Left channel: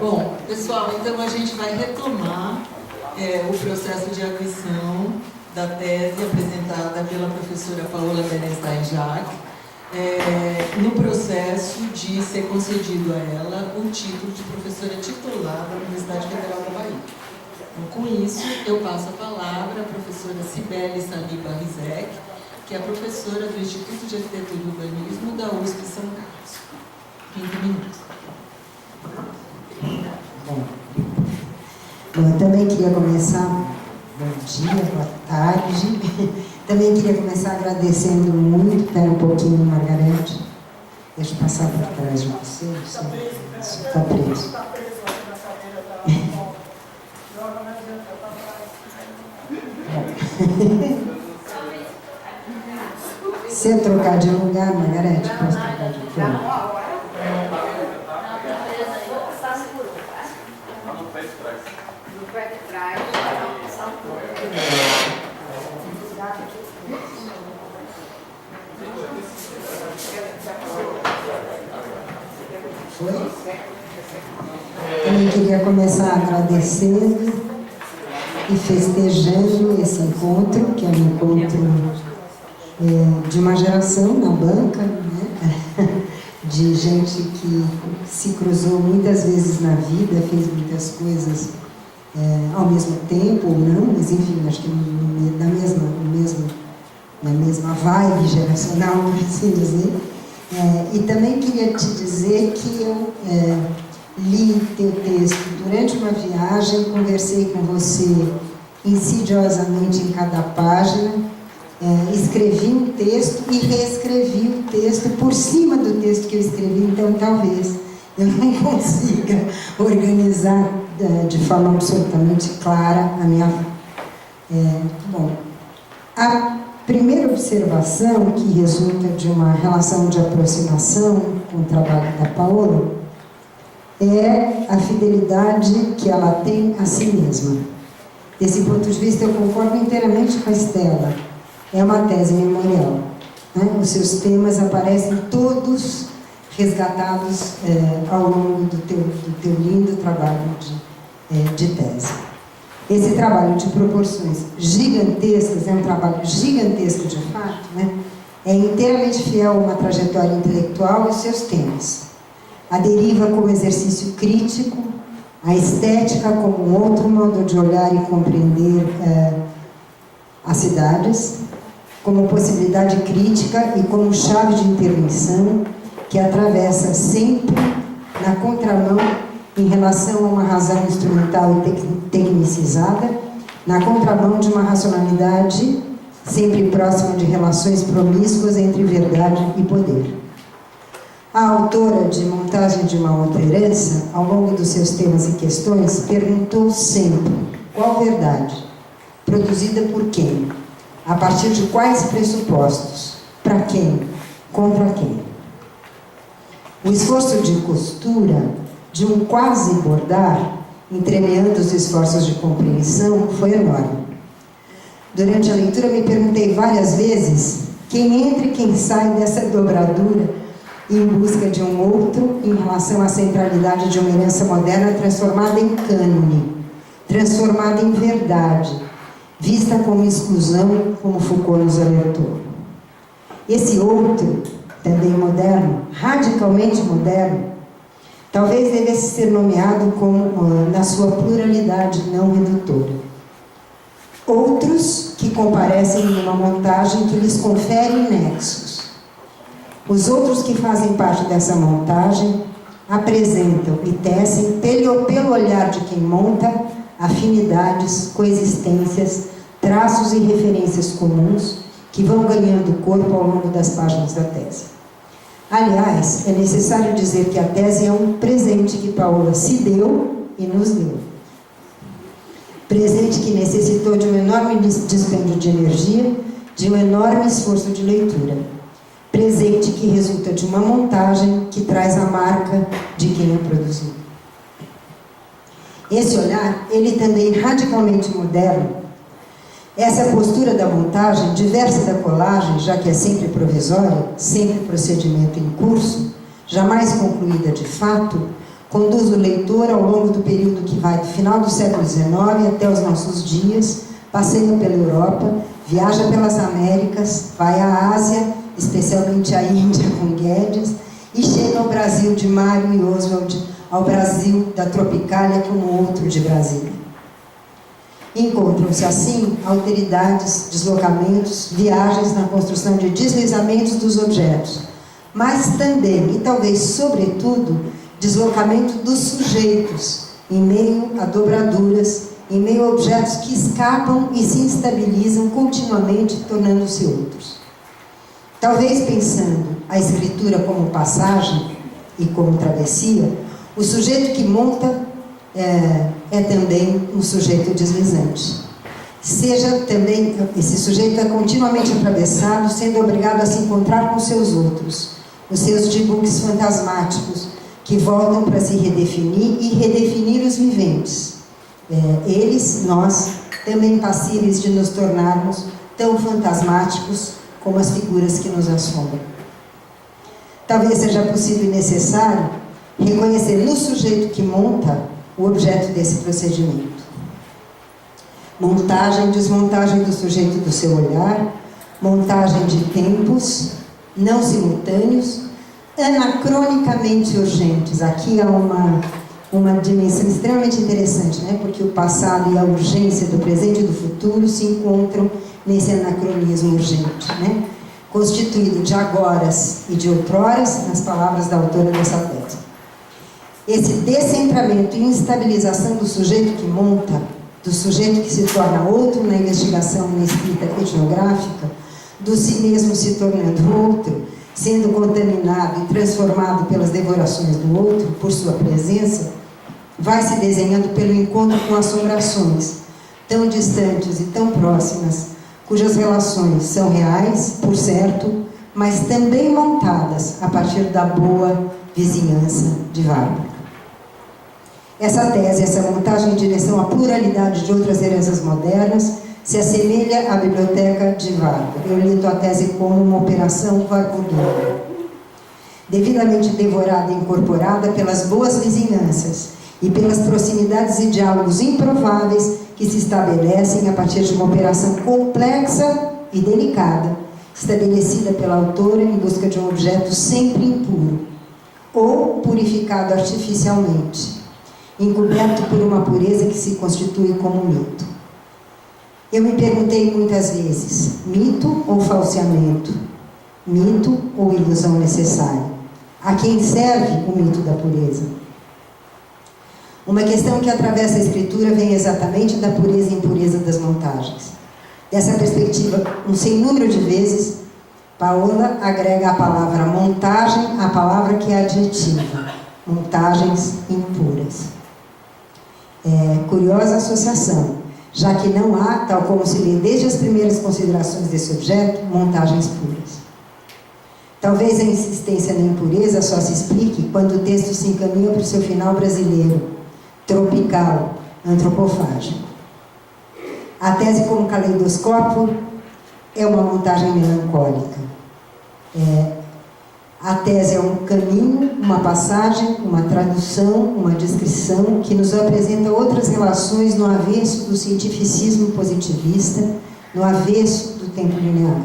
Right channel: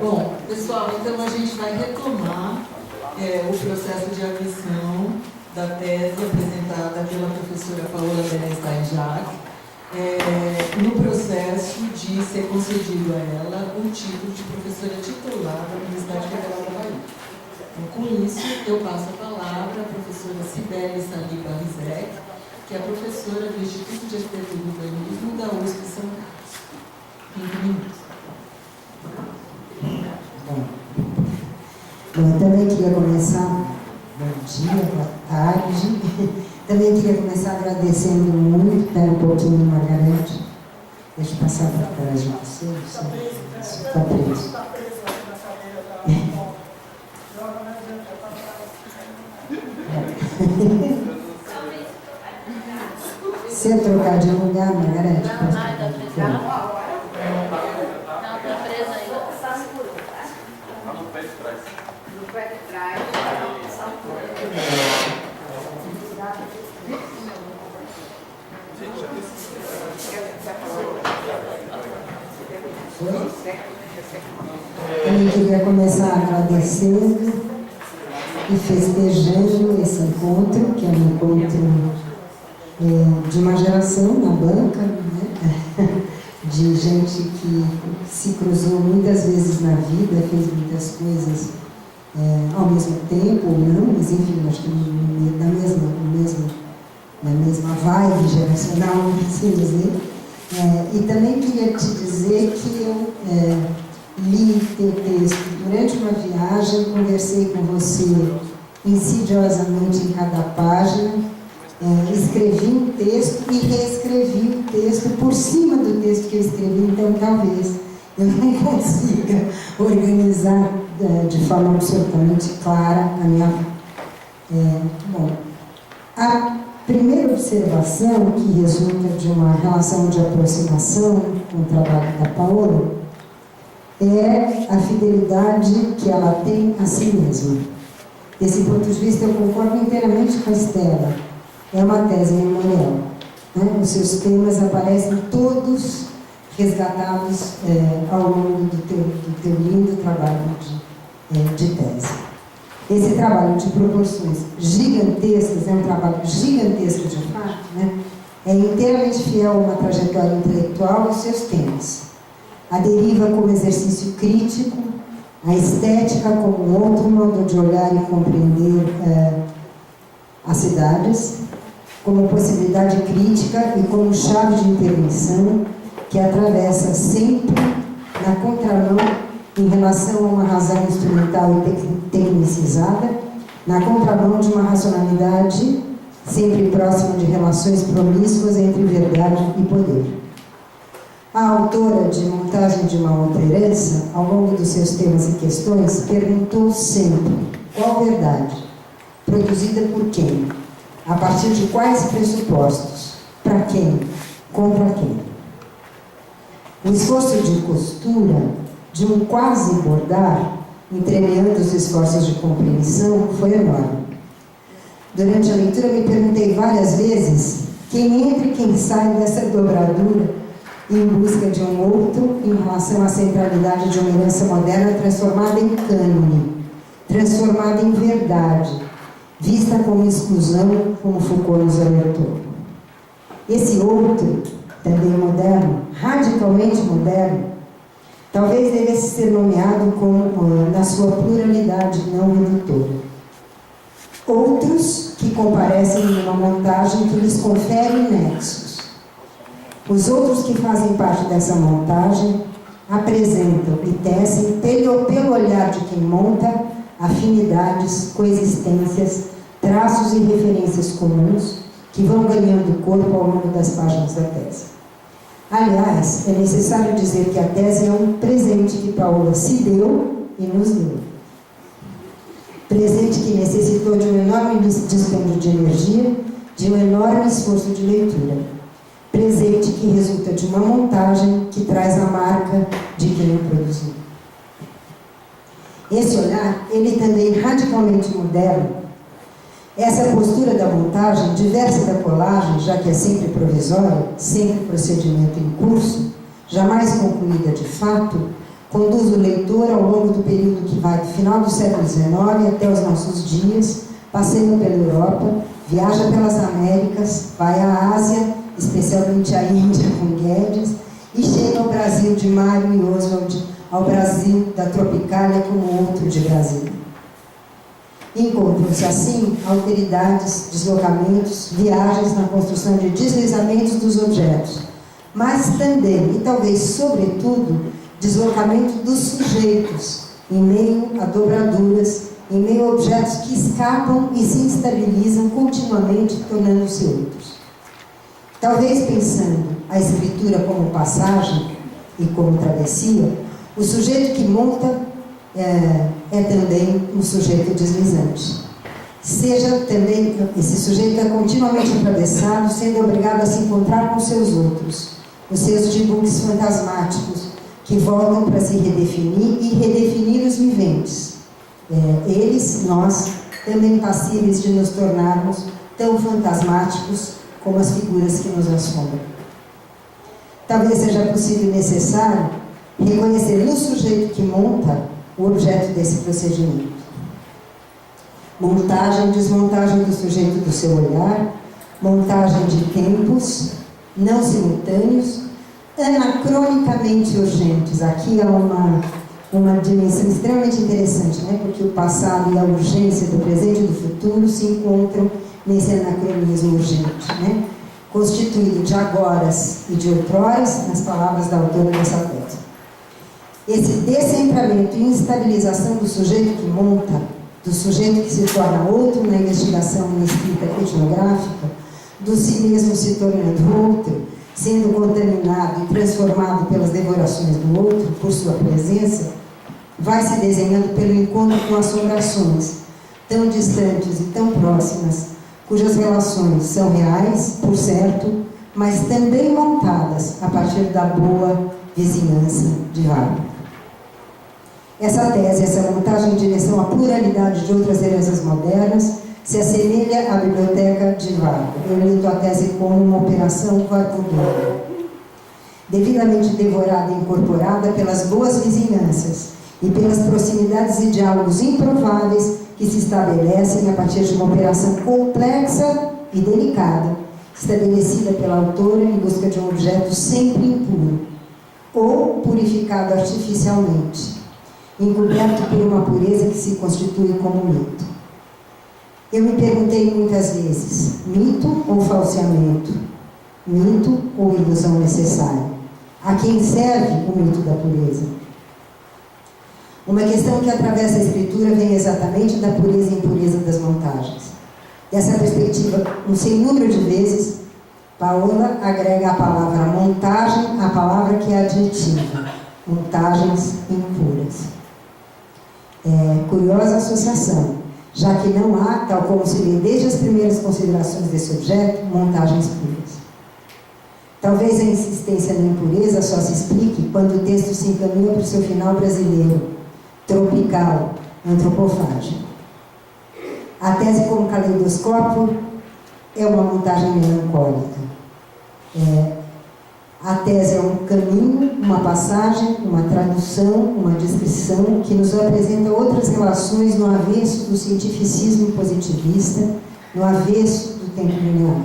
Bom, pessoal, então a gente vai retomar o processo de admissão da tese apresentada pela professora Paola Berenstein-Jacques, no processo de ser concedido a ela o título de professora titular da Universidade Federal da Bahia. Então, com isso, eu passo a palavra à professora Cibele Saliba Rizek, que é professora do Instituto de Arquitetura e Urbanismo da USP São Carlos. 20 minutos. Bom, eu também queria começar, bom dia, boa tarde, também queria começar agradecendo muito, espera um pouquinho, Margarete, deixa eu passar para trás de você. Está preso. Está preso. Está preso aqui na cadeira da joga na diante, está atrás. Se eu trocar de lugar, Margarete, posso trocar de lugar? Eu queria começar agradecendo e festejando esse encontro, que é um encontro de uma geração na banca, né? De gente que se cruzou muitas vezes na vida, fez muitas coisas ao mesmo tempo ou não, mas enfim, acho que na mesma vibe geracional, assim dizer. E também queria te dizer que eu li teu texto durante uma viagem, conversei com você insidiosamente em cada página, escrevi um texto e reescrevi o texto por cima do texto que eu escrevi, então talvez eu não consiga organizar de forma absolutamente clara a minha vida. Bom, a primeira observação, que resulta de uma relação de aproximação com o trabalho da Paola, é a fidelidade que ela tem a si mesma. Desse ponto de vista, eu concordo inteiramente com a Estela. É uma tese memorial, né? Os seus temas aparecem todos resgatados ao longo do teu lindo trabalho de tese. Esse trabalho de proporções gigantescas, é um trabalho gigantesco de fato, né? É inteiramente fiel a uma trajetória intelectual e seus temas. A deriva como exercício crítico, a estética como outro modo de olhar e compreender as cidades, como possibilidade crítica e como chave de intervenção que atravessa sempre na contramão em relação a uma razão instrumental e tecnicizada, na contramão de uma racionalidade sempre próxima de relações promíscuas entre verdade e poder. A autora de Montagem de uma Outra Herança, ao longo dos seus temas e questões, perguntou sempre: qual verdade? Produzida por quem? A partir de quais pressupostos? Para quem? Contra quem? O esforço de costura, de um quase bordar, entremeando os esforços de compreensão, foi enorme. Durante a leitura, me perguntei várias vezes quem entra e quem sai dessa dobradura em busca de um outro em relação à centralidade de uma herança moderna transformada em cânone, transformada em verdade, vista como exclusão, como Foucault nos alertou. Esse outro, também moderno, radicalmente moderno, talvez devesse ser nomeado como, na sua pluralidade não redutora. Outros que comparecem em uma montagem que lhes confere nexos. Os outros que fazem parte dessa montagem apresentam e tecem, pelo olhar de quem monta, afinidades, coexistências, traços e referências comuns que vão ganhando corpo ao longo das páginas da tese. Aliás, é necessário dizer que a tese é um presente que Paola se deu e nos deu. Presente que necessitou de um enorme dispêndio de energia, de um enorme esforço de leitura. Presente que resulta de uma montagem que traz a marca de quem a produziu. Esse olhar, ele também radicalmente moderno, Essa postura da montagem, diversa da colagem, já que é sempre provisória, sempre procedimento em curso, jamais concluída de fato, conduz o leitor ao longo do período que vai do final do século XIX até os nossos dias, passeia pela Europa, viaja pelas Américas, vai à Ásia, especialmente à Índia com Guedes, e chega ao Brasil de Mário e Oswald, ao Brasil da Tropicália como outro de Brasília. Encontram-se assim alteridades, deslocamentos, viagens na construção de deslizamentos dos objetos, mas também, e talvez sobretudo, deslocamento dos sujeitos, em meio a dobraduras, em meio a objetos que escapam e se instabilizam continuamente, tornando-se outros. Talvez pensando a escritura como passagem e como travessia, o sujeito que monta é também um sujeito deslizante. Seja também, esse sujeito é continuamente atravessado, sendo obrigado a se encontrar com seus outros, os seus dibuques fantasmáticos, que voltam para se redefinir e redefinir os viventes. Eles, nós, também passíveis de nos tornarmos tão fantasmáticos como as figuras que nos assombram. Talvez seja possível e necessário reconhecer no sujeito que monta o objeto desse procedimento. Montagem, desmontagem do sujeito do seu olhar, montagem de tempos não simultâneos, anacronicamente urgentes. Aqui há uma dimensão extremamente interessante, né? Porque o passado e a urgência do presente e do futuro se encontram nesse anacronismo urgente, né? Constituído de agoras e de outroras, nas palavras da autora dessa tese. Esse descentramento e instabilização do sujeito que monta, do sujeito que se torna outro na investigação e na escrita etnográfica, do si mesmo se tornando outro, sendo contaminado e transformado pelas devorações do outro, por sua presença, vai se desenhando pelo encontro com assombrações, tão distantes e tão próximas, cujas relações são reais, por certo, mas também montadas a partir da boa vizinhança de Vargas. Essa tese, essa montagem em direção à pluralidade de outras heranças modernas, se assemelha à biblioteca de Vargas. Eu lido a tese como uma operação vargudiana, devidamente devorada e incorporada pelas boas vizinhanças e pelas proximidades e diálogos improváveis que se estabelecem a partir de uma operação complexa e delicada, estabelecida pela autora em busca de um objeto sempre impuro, ou purificado artificialmente, encoberto por uma pureza que se constitui como mito. Eu me perguntei muitas vezes, mito ou falseamento? Mito ou ilusão necessária? A quem serve o mito da pureza? Uma questão que atravessa a escritura vem exatamente da pureza e impureza das montagens. Dessa perspectiva, um sem número de vezes, Paola agrega a palavra montagem à palavra que é adjetiva, montagens impuras. Curiosa associação, já que não há, tal como se lê desde as primeiras considerações desse objeto, montagens puras. Talvez a insistência na impureza só se explique quando o texto se encaminha para o seu final brasileiro, tropical, antropofágico. A tese como caleidoscópio é uma montagem melancólica. A tese é um caminho, uma passagem, uma tradução, uma descrição que nos apresenta outras relações no avesso do cientificismo positivista, no avesso do tempo linear.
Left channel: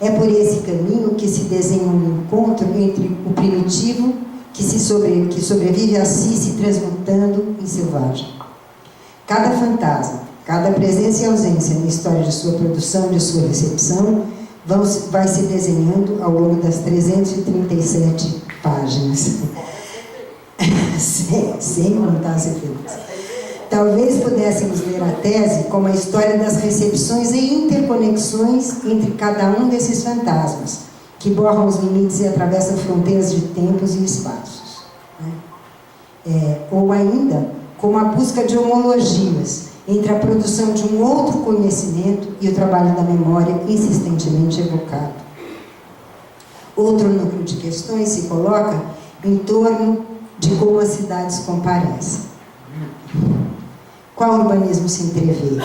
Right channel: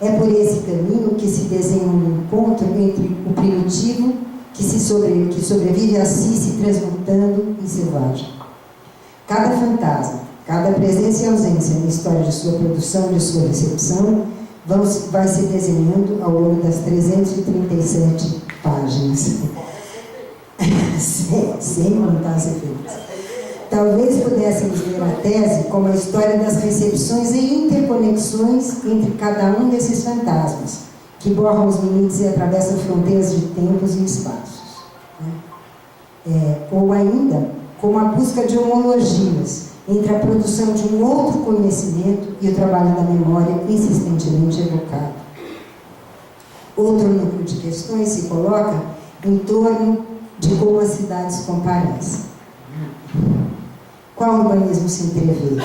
É por esse caminho que se desenha um encontro entre o primitivo que sobrevive a si se transmutando em selvagem. Cada fantasma, cada presença e ausência na história de sua produção, de sua recepção, vai se desenhando ao longo das 337 páginas. sem montar as efeitos. Talvez pudéssemos ler a tese como a história das recepções e interconexões entre cada um desses fantasmas, que borram os limites e atravessam fronteiras de tempos e espaços. Ou ainda, como a busca de homologias entre a produção de um outro conhecimento e o trabalho da memória insistentemente evocado. Outro núcleo de questões se coloca em torno de como as cidades comparecem. Qual urbanismo se entrevê?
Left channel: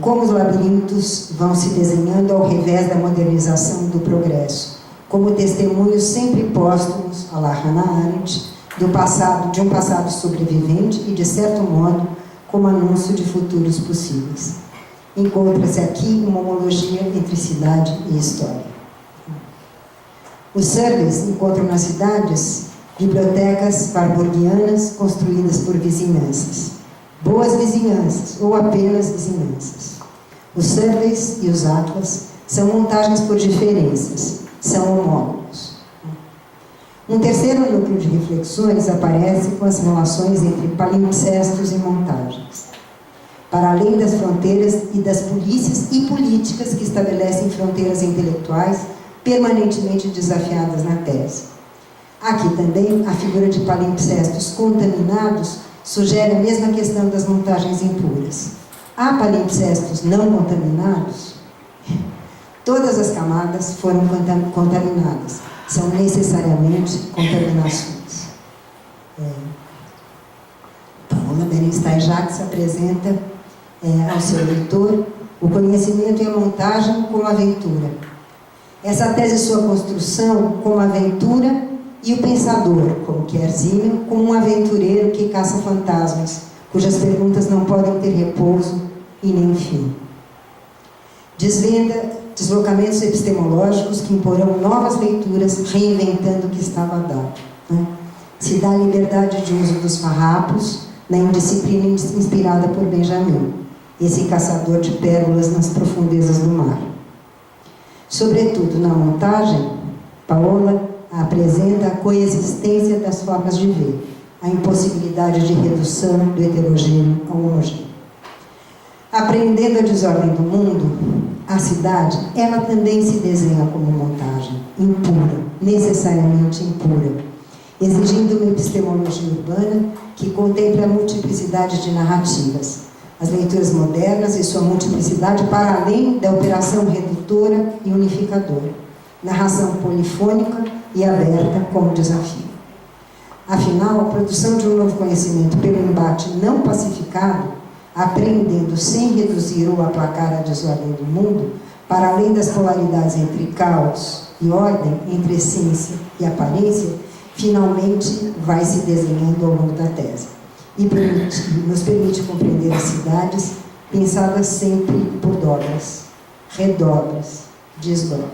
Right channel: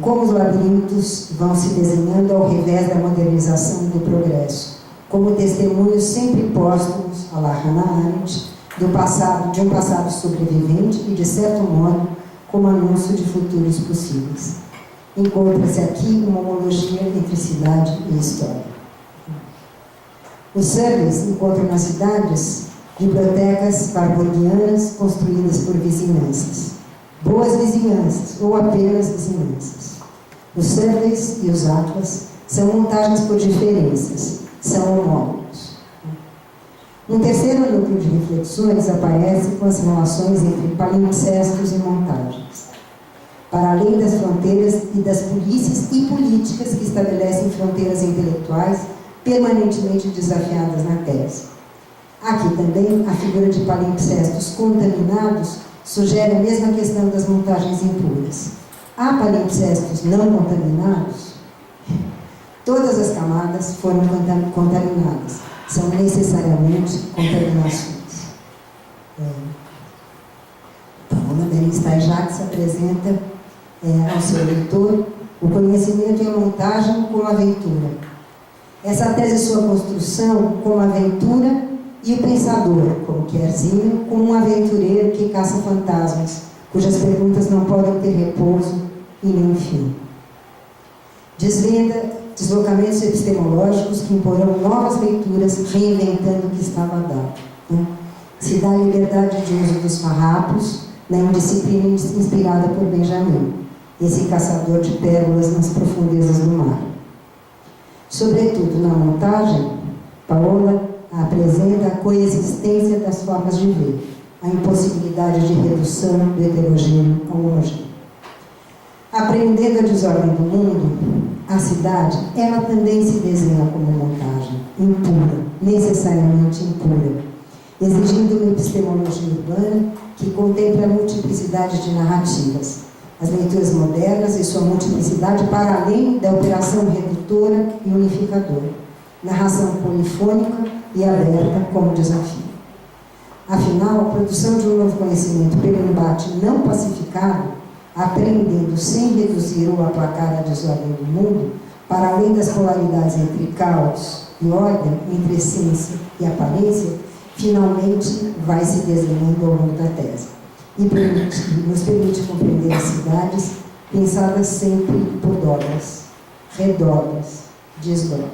como os labirintos vão se desenhando ao revés da modernização e do progresso, como testemunhos sempre póstumos, à la Hannah Arendt, de um passado sobrevivente e, de certo modo, como anúncio de futuros possíveis. Encontra-se aqui uma homologia entre cidade e história. Os surveys encontram nas cidades bibliotecas warburgianas construídas por vizinhanças, boas vizinhanças ou apenas vizinhanças. Os surveys e os atlas são montagens por diferenças, são homólogos. Um terceiro núcleo de reflexões aparece com as relações entre palimpsestos e montagens. Para além das fronteiras e das polícias e políticas que estabelecem fronteiras intelectuais permanentemente desafiadas na tese. Aqui também a figura de palimpsestos contaminados sugere a mesma questão das montagens impuras. Há palimpsestos não contaminados? Todas as camadas foram contaminadas. São necessariamente contaminações. Paola Bernstein-Jacques apresenta ao seu leitor o conhecimento e a montagem como aventura. Essa tese e sua construção como aventura e o pensador, como Kerzinho, como um aventureiro que caça fantasmas, cujas perguntas não podem ter repouso e nem fim. Desvenda deslocamentos epistemológicos que imporão novas leituras, reinventando o que estava dado. Se dá a liberdade de uso dos farrapos na indisciplina inspirada por Benjamin, esse caçador de pérolas nas profundezas do mar. Sobretudo na montagem, Paola apresenta a coexistência das formas de ver, a impossibilidade de redução do heterogêneo ao homogêneo. Aprendendo a desordem do mundo, a cidade, ela também se desenha como montagem, impura, necessariamente impura, exigindo uma epistemologia urbana que contemple a multiplicidade de narrativas, as leituras modernas e sua multiplicidade para além da operação redutora e unificadora, narração polifônica e aberta como desafio. Afinal, a produção de um novo conhecimento pelo embate não pacificado, aprendendo sem reduzir ou aplacar a desordem do mundo, para além das polaridades entre caos e ordem, entre essência e aparência, finalmente vai se desenhando ao longo da tese. E nos permite compreender as cidades pensadas sempre por dobras, redobras, desdobras.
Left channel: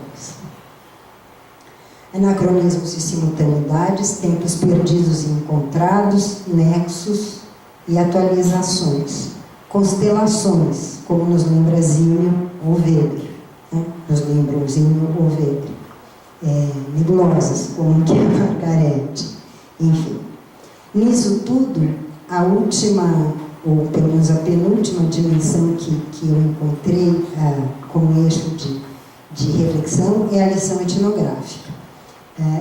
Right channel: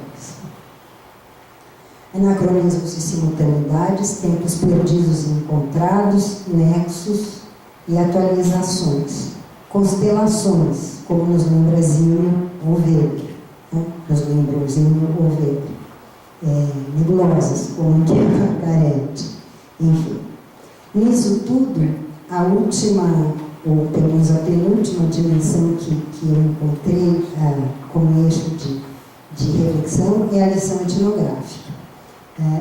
Anacronismos e simultaneidades, tempos perdidos e encontrados, nexos e atualizações, constelações, como nos lembra Zinho ou Weber, nos lembram Zinho ou Weber, nebulosas, como que é Margarete, enfim. Nisso tudo, a última, ou pelo menos a penúltima dimensão que eu encontrei como eixo de reflexão é a lição etnográfica.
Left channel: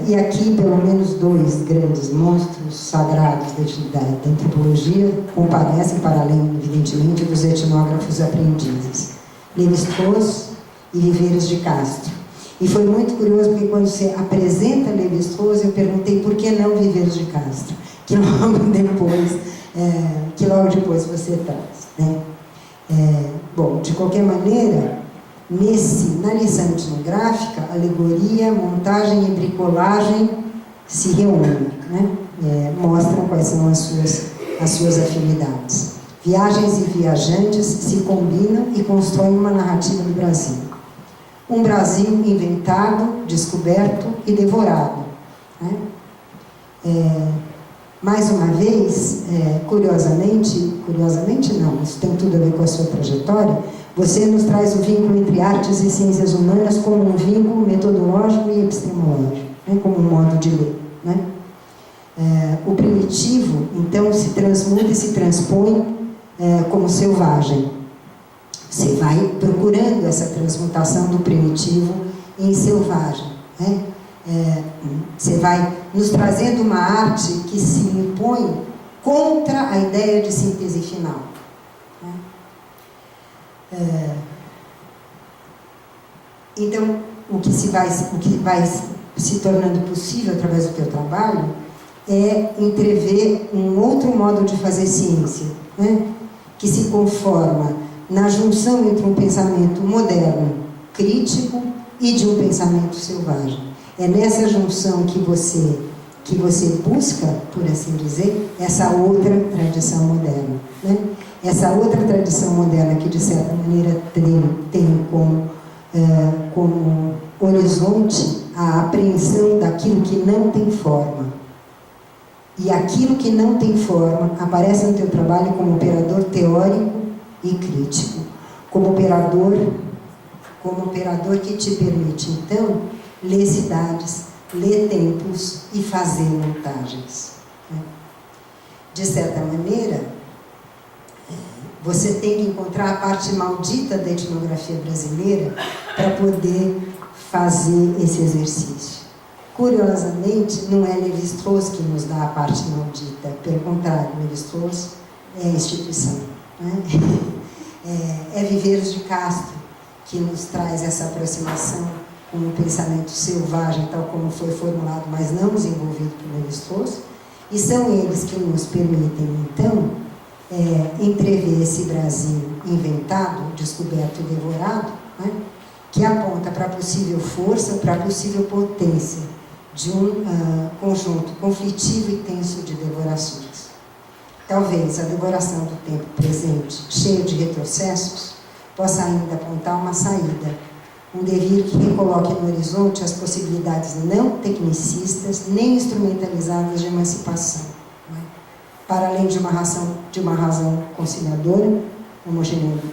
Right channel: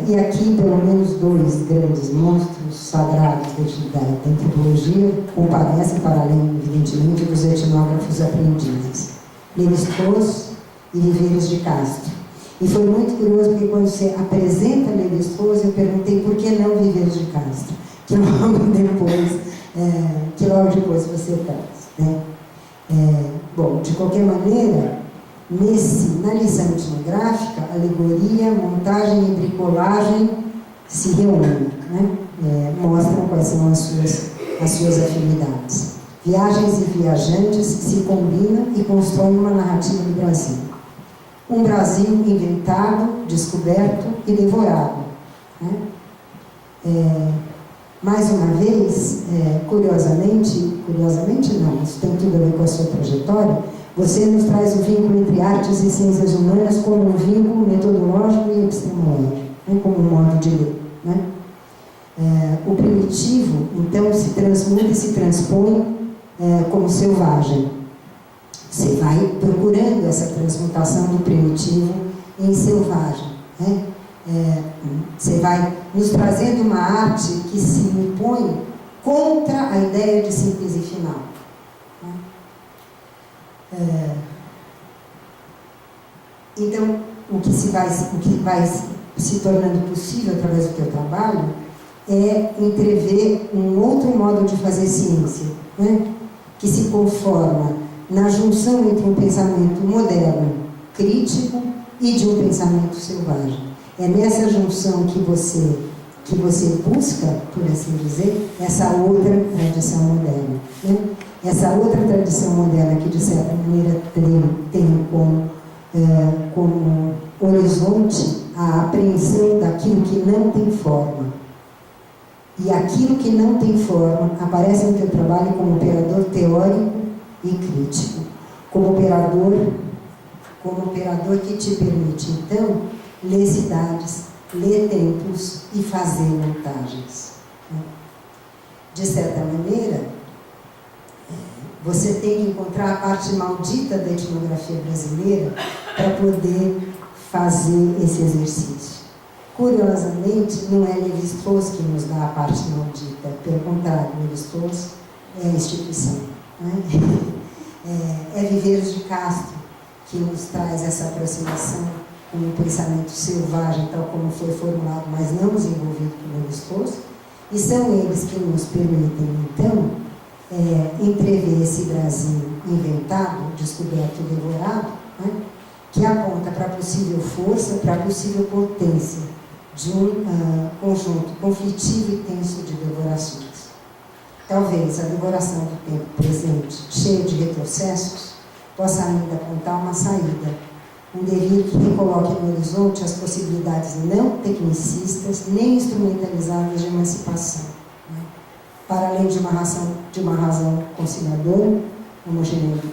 E aqui, pelo menos dois grandes monstros sagrados da antropologia comparecem, para além, evidentemente, dos etnógrafos aprendizes, Lévi-Strauss e Viveiros de Castro. E foi muito curioso, porque quando você apresenta Lévi-Strauss, eu perguntei por que não Viveiros de Castro, que logo depois você traz. Bom, de qualquer maneira, na lição etnográfica, alegoria, montagem e bricolagem se reúnem, mostram quais são as suas afinidades. Viagens e viajantes se combinam e constroem uma narrativa do Brasil. Um Brasil inventado, descoberto e devorado. Mais uma vez, curiosamente não, isso tem tudo a ver com a sua trajetória, você nos traz o vínculo entre artes e ciências humanas como um vínculo metodológico e epistemológico, como um modo de ler. O primitivo, então, se transmuta e se transpõe como selvagem. Você vai procurando essa transmutação do primitivo em selvagem. Você vai nos trazendo uma arte que se impõe contra a ideia de síntese final. Então, o que vai se tornando possível através do teu trabalho é entrever um outro modo de fazer ciência, que se conforma na junção entre um pensamento moderno, crítico, e de um pensamento selvagem. É nessa junção que você busca, por assim dizer, essa outra tradição moderna, né? Essa outra tradição moderna que, de certa maneira, tem como horizonte a apreensão daquilo que não tem forma. E aquilo que não tem forma aparece no teu trabalho como operador teórico e crítico, como operador que te permite, então, ler cidades, ler templos e fazer montagens. De certa maneira, você tem que encontrar a parte maldita da etnografia brasileira para poder fazer esse exercício. Curiosamente, não é Lévi-Strauss que nos dá a parte maldita, pelo contrário, Lévi-Strauss é a instituição, né? É Viveiros de Castro que nos traz essa aproximação com um pensamento selvagem, tal como foi formulado, mas não desenvolvido por Lévi-Strauss, e são eles que nos permitem, então, entrever esse Brasil inventado, descoberto e devorado, né, que aponta para a possível força, para a possível potência de um conjunto conflitivo e tenso de devorações. Talvez a devoração do tempo presente, cheio de retrocessos, possa ainda apontar uma saída, um devir que recoloque no horizonte as possibilidades não tecnicistas nem instrumentalizadas de emancipação, né? Para além de uma razão conciliadora,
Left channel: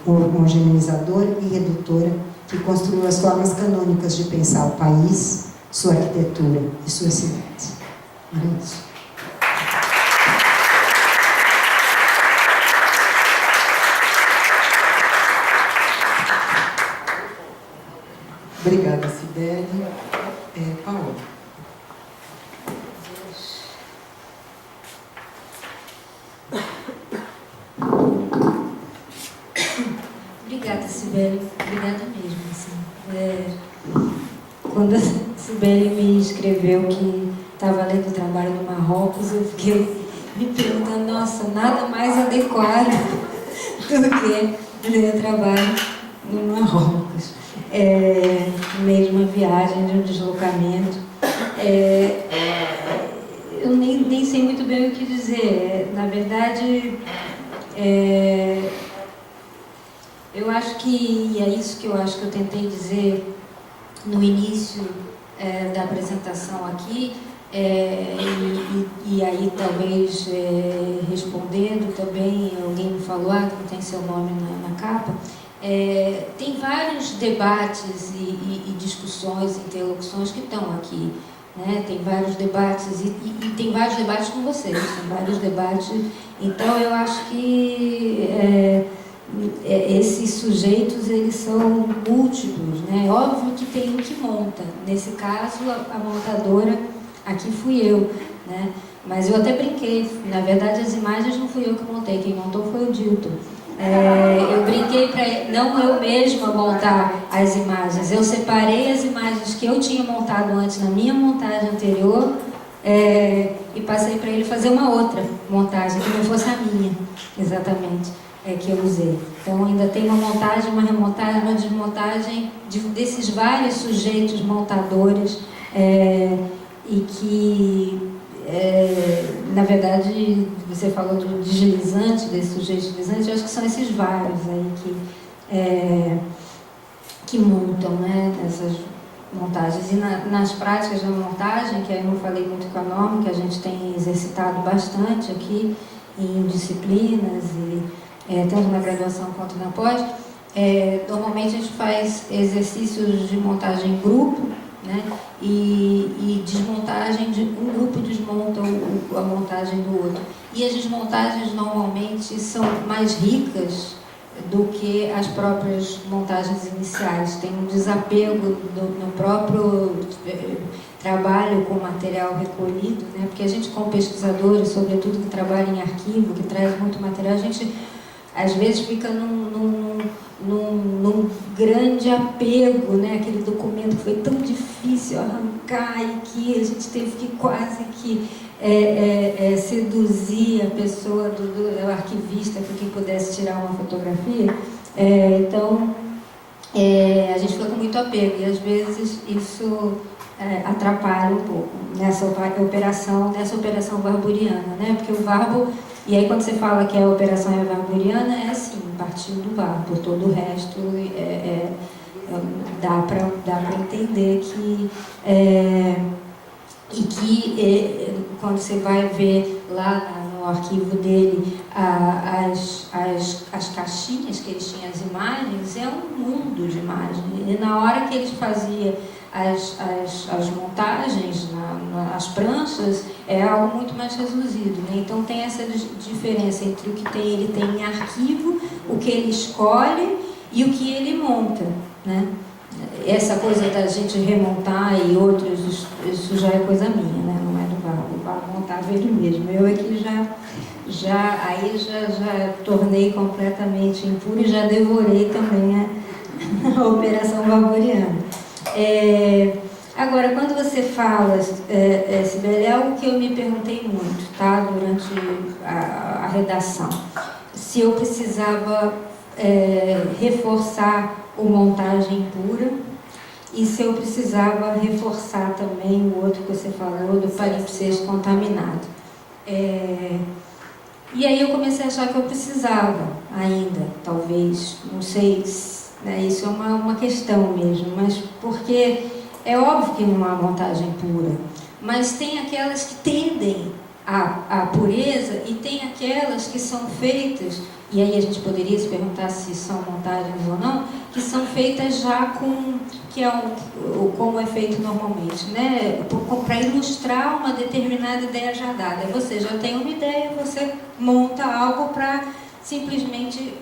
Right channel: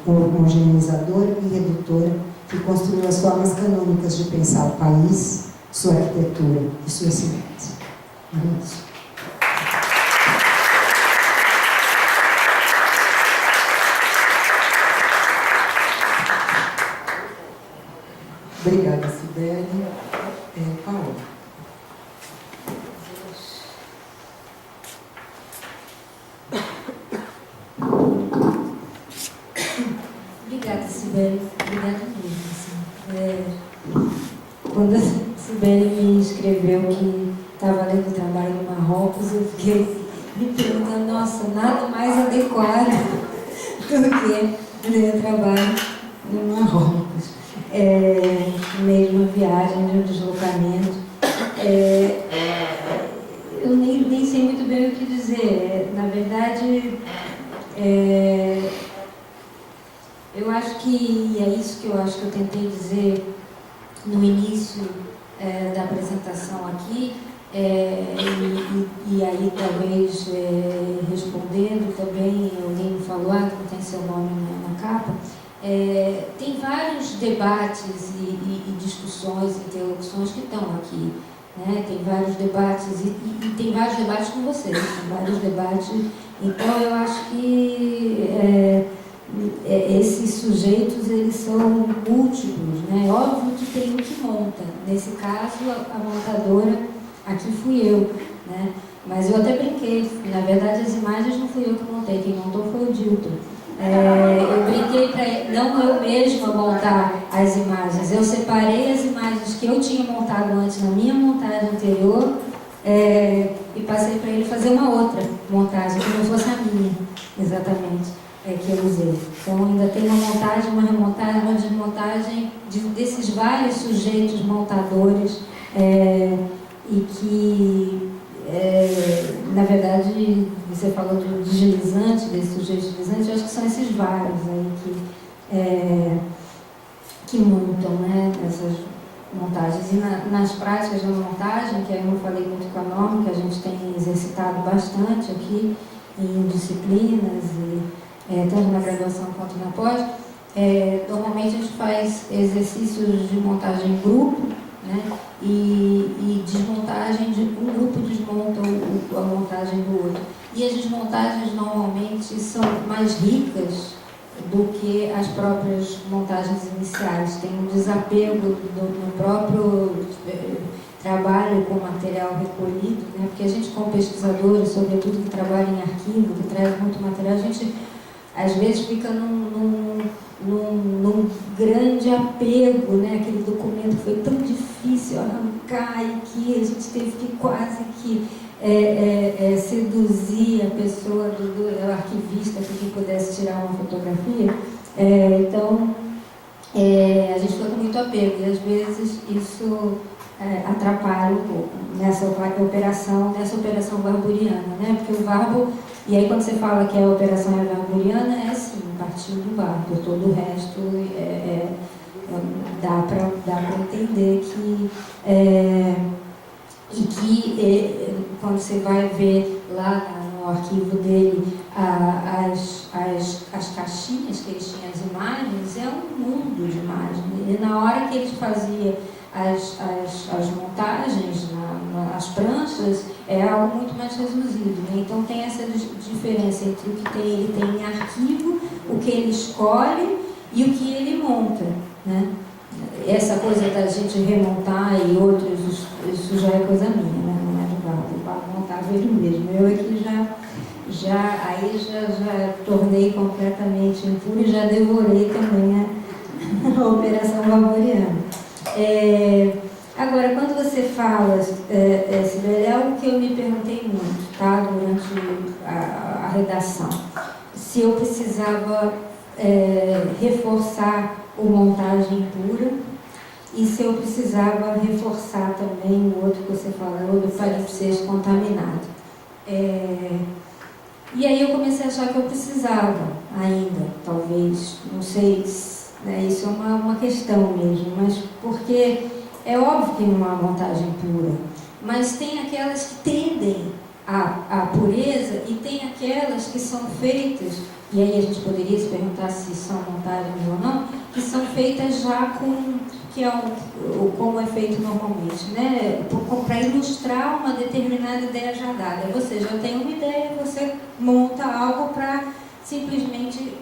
homogeneizadora e redutora, que construiu as formas canônicas de pensar o país, sua arquitetura e suas cidades. É isso. Obrigada, Cibele. Paola. Obrigada, Cibele. Obrigada mesmo. Assim. Quando a Cibele me escreveu que estava lendo o trabalho no Marrocos, eu fiquei me perguntando, nossa, nada mais adequado do que ler o trabalho no Marrocos. Mesmo a viagem, de um deslocamento. Eu nem sei muito bem o que dizer. Na verdade, eu acho que, e é isso que eu acho que eu tentei dizer no início da apresentação aqui, e aí talvez respondendo também, alguém me falou, não tem seu nome na capa. Tem vários debates e discussões, interlocuções que estão aqui, né? Tem vários debates e tem vários debates com vocês, tem vários debates. Então eu acho que esses sujeitos, eles são múltiplos, né? Óbvio que tem um que monta. Nesse caso, a montadora aqui fui eu, né? Mas eu até brinquei. Na verdade, as imagens não fui eu que montei, quem montou foi o Dilton. Eu brinquei para não eu mesma montar as imagens. Eu separei as imagens que eu tinha montado antes na minha montagem anterior e passei para ele fazer uma outra montagem que não fosse a minha, exatamente, que eu usei. Então ainda tem uma montagem, uma remontagem, uma desmontagem desses vários sujeitos montadores e que na verdade, você falou do deslizante, desse sujeito deslizante, eu acho que são esses vários aí que montam, né, essas montagens. E nas práticas da montagem, que aí eu falei muito com a Norma, que a gente tem exercitado bastante aqui em disciplinas, tanto na graduação quanto na pós, normalmente a gente faz exercícios de montagem em grupo, né? E desmontagem, um grupo desmonta a montagem do outro. E as desmontagens normalmente são mais ricas do que as próprias montagens iniciais. Tem um desapego no próprio trabalho com material recolhido, né? Porque a gente, como pesquisadores, sobretudo que trabalha em arquivo, que traz muito material, a gente às vezes fica num grande apego, né? Aquele documento que foi tão difícil arrancar e que a gente teve que quase que seduzir a pessoa do arquivista para que pudesse tirar uma fotografia. Então, a gente fica com muito apego e às vezes isso atrapalha um pouco nessa operação barburiana, né? Porque o Varbo, e aí quando você fala que a operação é barburiana, é assim, partindo do Varbo, todo o resto dá para entender que quando você vai ver lá no arquivo dele as caixinhas que eles tinham, as imagens, é um mundo de imagens. E na hora que eles faziam as montagens, as pranchas, é algo muito mais reduzido, né? Então tem essa diferença entre o que ele tem em arquivo, o que ele escolhe e o que ele monta, né? Essa coisa da gente remontar e outros, isso já é coisa minha, né? Não é do Varbo. O Varbo montava ele mesmo. Eu aqui já tornei completamente impuro e já devorei também a operação barburiana. Agora, quando você fala, Sibeli, é algo que eu me perguntei muito, tá? Durante a redação. Se eu precisava reforçar o montagem pura e se eu precisava reforçar também o outro que você falou, do palimpsesto contaminado. E aí eu comecei a achar que eu precisava ainda, talvez, não sei, né, isso é uma questão mesmo, mas porque é óbvio que não há montagem pura, mas tem aquelas que tendem à pureza e tem aquelas que são feitas, e aí a gente poderia se perguntar se são montagens ou não, que são feitas já como é feito normalmente, né? Para ilustrar uma determinada ideia já dada. Você já tem uma ideia, você monta algo para simplesmente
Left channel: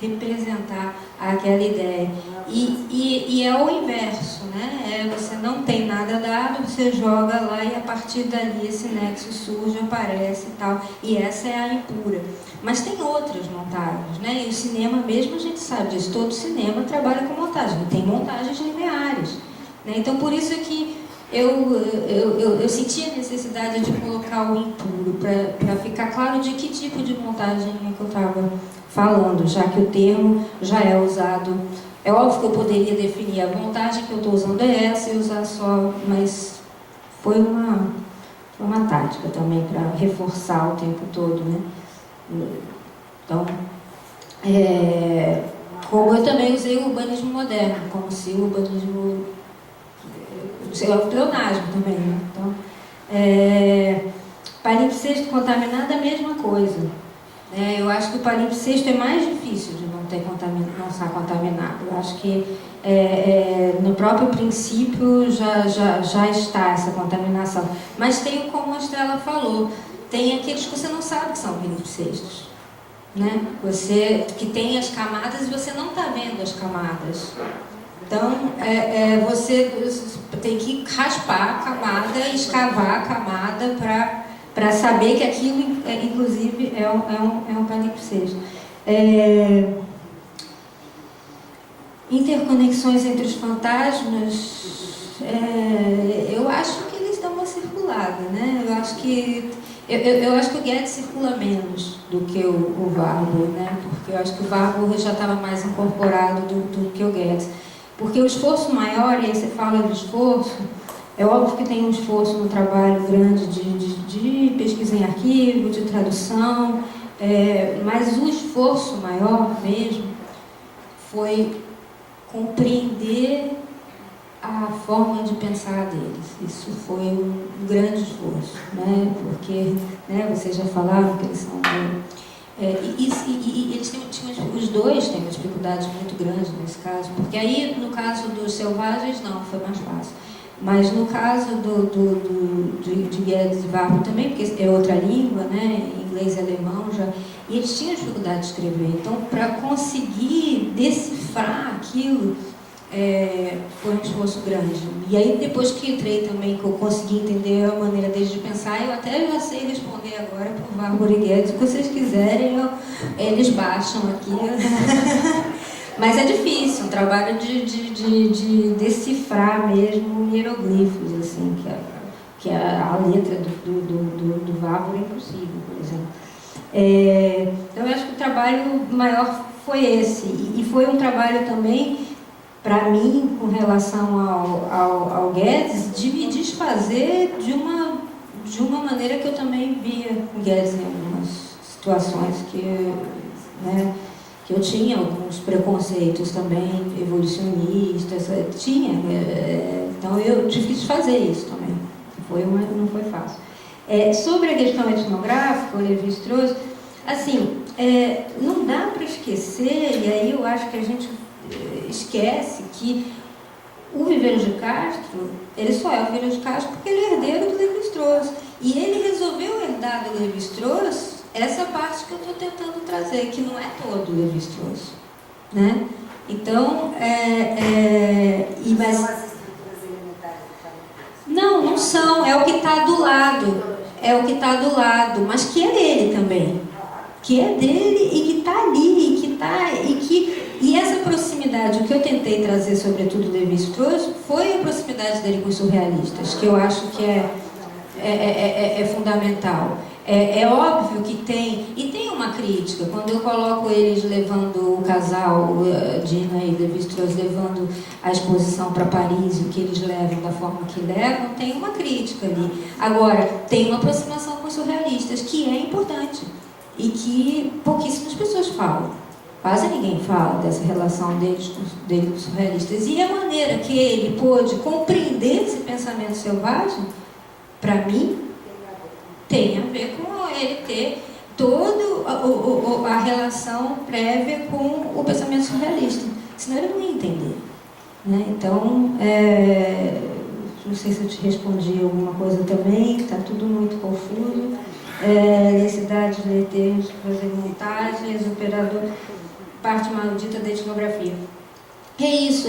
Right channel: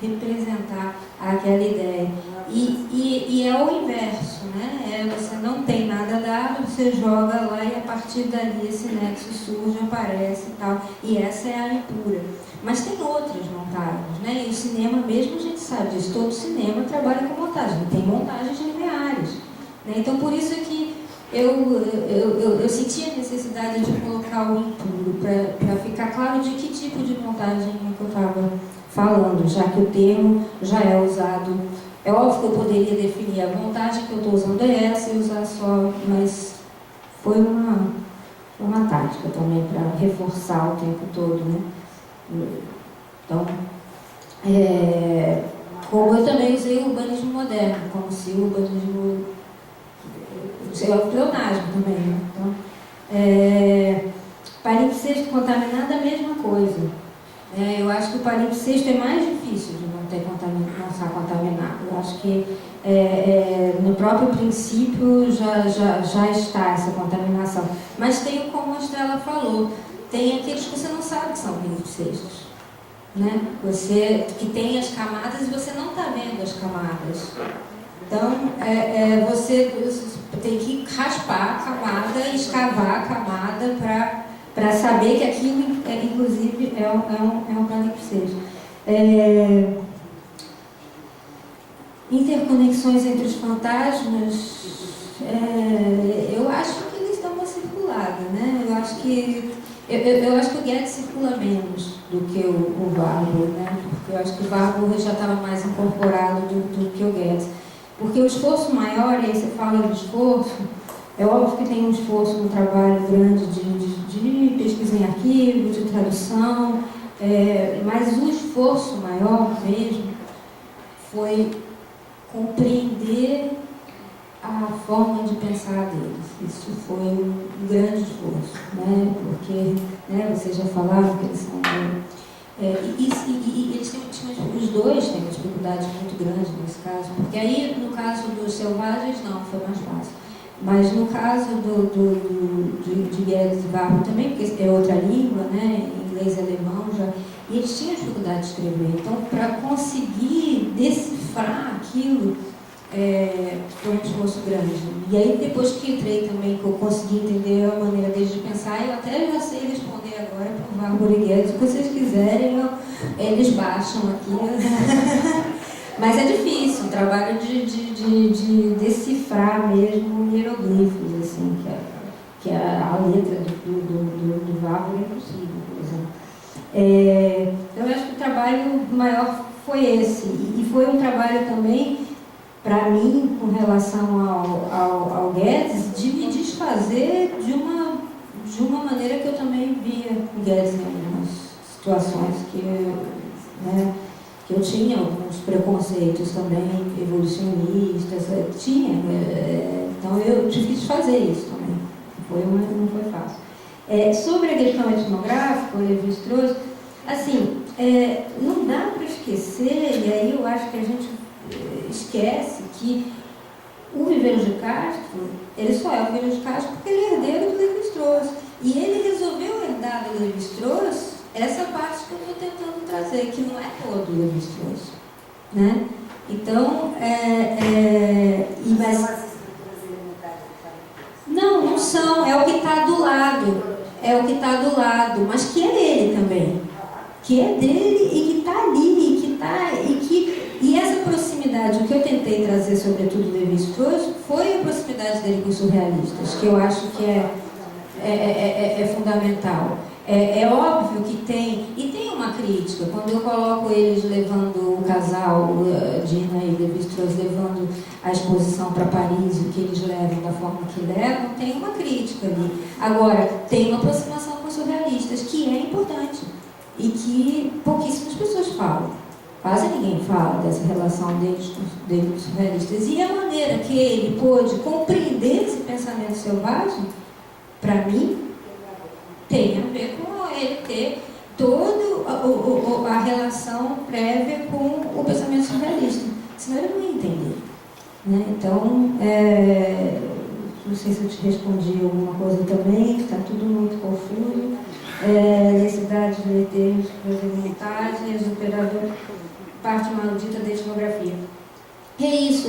representar aquela ideia. E é o inverso, né? Você não tem nada dado, você joga lá e a partir dali esse nexo surge, aparece e tal. E essa é a impura. Mas tem outras montagens, né? E o cinema mesmo, a gente sabe disso, todo cinema trabalha com montagem, tem montagens lineares, né? Então, por isso é que eu senti a necessidade de colocar o impuro, para ficar claro de que tipo de montagem que eu estava falando, já que o termo já é usado. É óbvio que eu poderia definir a montagem que eu estou usando é essa e usar só, mas foi uma tática também para reforçar o tempo todo, né? Então, como eu também usei o urbanismo moderno, como se o urbanismo... é o pleonasmo também, né? Então, palimpsesto contaminado é a mesma coisa. Eu acho que o palimpsesto é mais difícil de não estar contaminado. Eu acho que no próprio princípio já está essa contaminação. Mas tem, como a Estela falou, tem aqueles que você não sabe que são palimpsestos, né? Você que tem as camadas e você não está vendo as camadas. Então, você tem que raspar a camada, escavar a camada para saber que aquilo, inclusive, é um palimpsesto. Interconexões entre os fantasmas, eu acho que eles dão uma circulada, né? Eu acho que o Guedes circula menos do que o Varbo, né? Porque eu acho que o Varbo já estava mais incorporado do que o Guedes. Porque o esforço maior, e aí você fala de esforço, é óbvio que tem um esforço no trabalho grande de pesquisa em arquivo, de tradução, mas o esforço maior mesmo foi compreender a forma de pensar deles. Isso foi um grande esforço, né? Porque, né, vocês já falaram que eles são... e eles os dois têm uma dificuldade muito grande nesse caso, porque aí, no caso dos selvagens, não, foi mais fácil. Mas no caso de Guedes e Varbo também, porque é outra língua, né, inglês e alemão, e eles tinham dificuldade de escrever. Então, para conseguir decifrar aquilo, foi um esforço grande. E aí, depois que entrei também, que eu consegui entender a maneira deles de pensar, eu até já sei responder agora para o Varbo e Guedes. Se vocês quiserem, eles baixam aqui. Mas é difícil, um trabalho de decifrar mesmo hieroglifos, assim, que a letra do Varbo é impossível, por exemplo. Então, eu acho que o trabalho maior foi esse. E foi um trabalho também, para mim, com relação ao Guedes, de me desfazer de uma maneira que eu também via o Guedes em algumas situações que eu tinha alguns preconceitos também evolucionistas, então eu tive que desfazer isso também, não foi fácil. Sobre a questão etnográfica, o Lévi-Strauss, assim, não dá para esquecer, e aí eu acho que a gente esquece que o Viveiro de Castro, ele só é o Viveiro de Castro porque ele é herdeiro do Lévi-Strauss, e ele resolveu herdar do Lévi-Strauss essa parte que eu estou tentando trazer, que não é todo o Lévi-Strauss, né? Então, mas são as estruturas elementares do não, não são, é o que está do lado, mas que é dele também, que é dele e que está ali, e essa proximidade, o que eu tentei trazer, sobretudo, do Lévi-Strauss, foi a proximidade dele com os surrealistas, que eu acho que é fundamental. É óbvio que tem uma crítica, quando eu coloco eles levando o casal, Dina e Lévi-Strauss, levando a exposição para Paris, o que eles levam da forma que levam, tem uma crítica ali. Agora, tem uma aproximação com os surrealistas, que é importante, e que pouquíssimas pessoas falam. Quase ninguém fala dessa relação deles com os surrealistas. E a maneira que ele pôde compreender esse pensamento selvagem, para mim, tem a ver com ele ter toda a relação prévia com o pensamento surrealista. Senão ele não ia entender. Né? Então, não sei se eu te respondi alguma coisa também, está tudo muito confuso. Necessidade de ler termos, fazer montagens, operador, parte maldita da etnografia. É isso,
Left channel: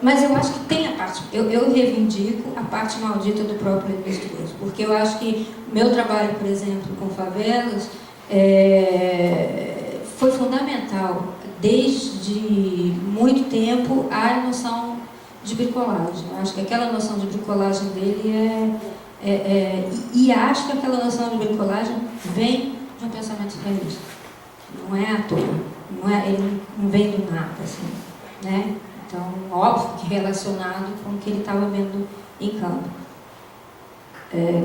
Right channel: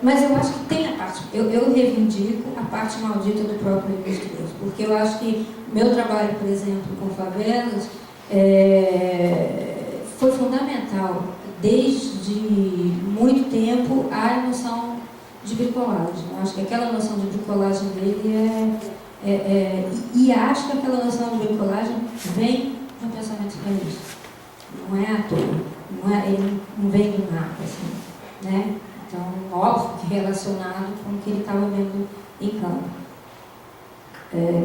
mas eu acho que tem a parte, eu reivindico a parte maldita do próprio Lévi-Strauss, porque eu acho que meu trabalho, por exemplo, com favelas, foi fundamental, desde muito tempo, a noção de bricolagem. Eu acho que aquela noção de bricolagem dele e acho que aquela noção de bricolagem vem de um pensamento realista. Não é à toa, ele não vem do nada, assim. Né? Então, óbvio que relacionado com o que ele estava vendo em campo.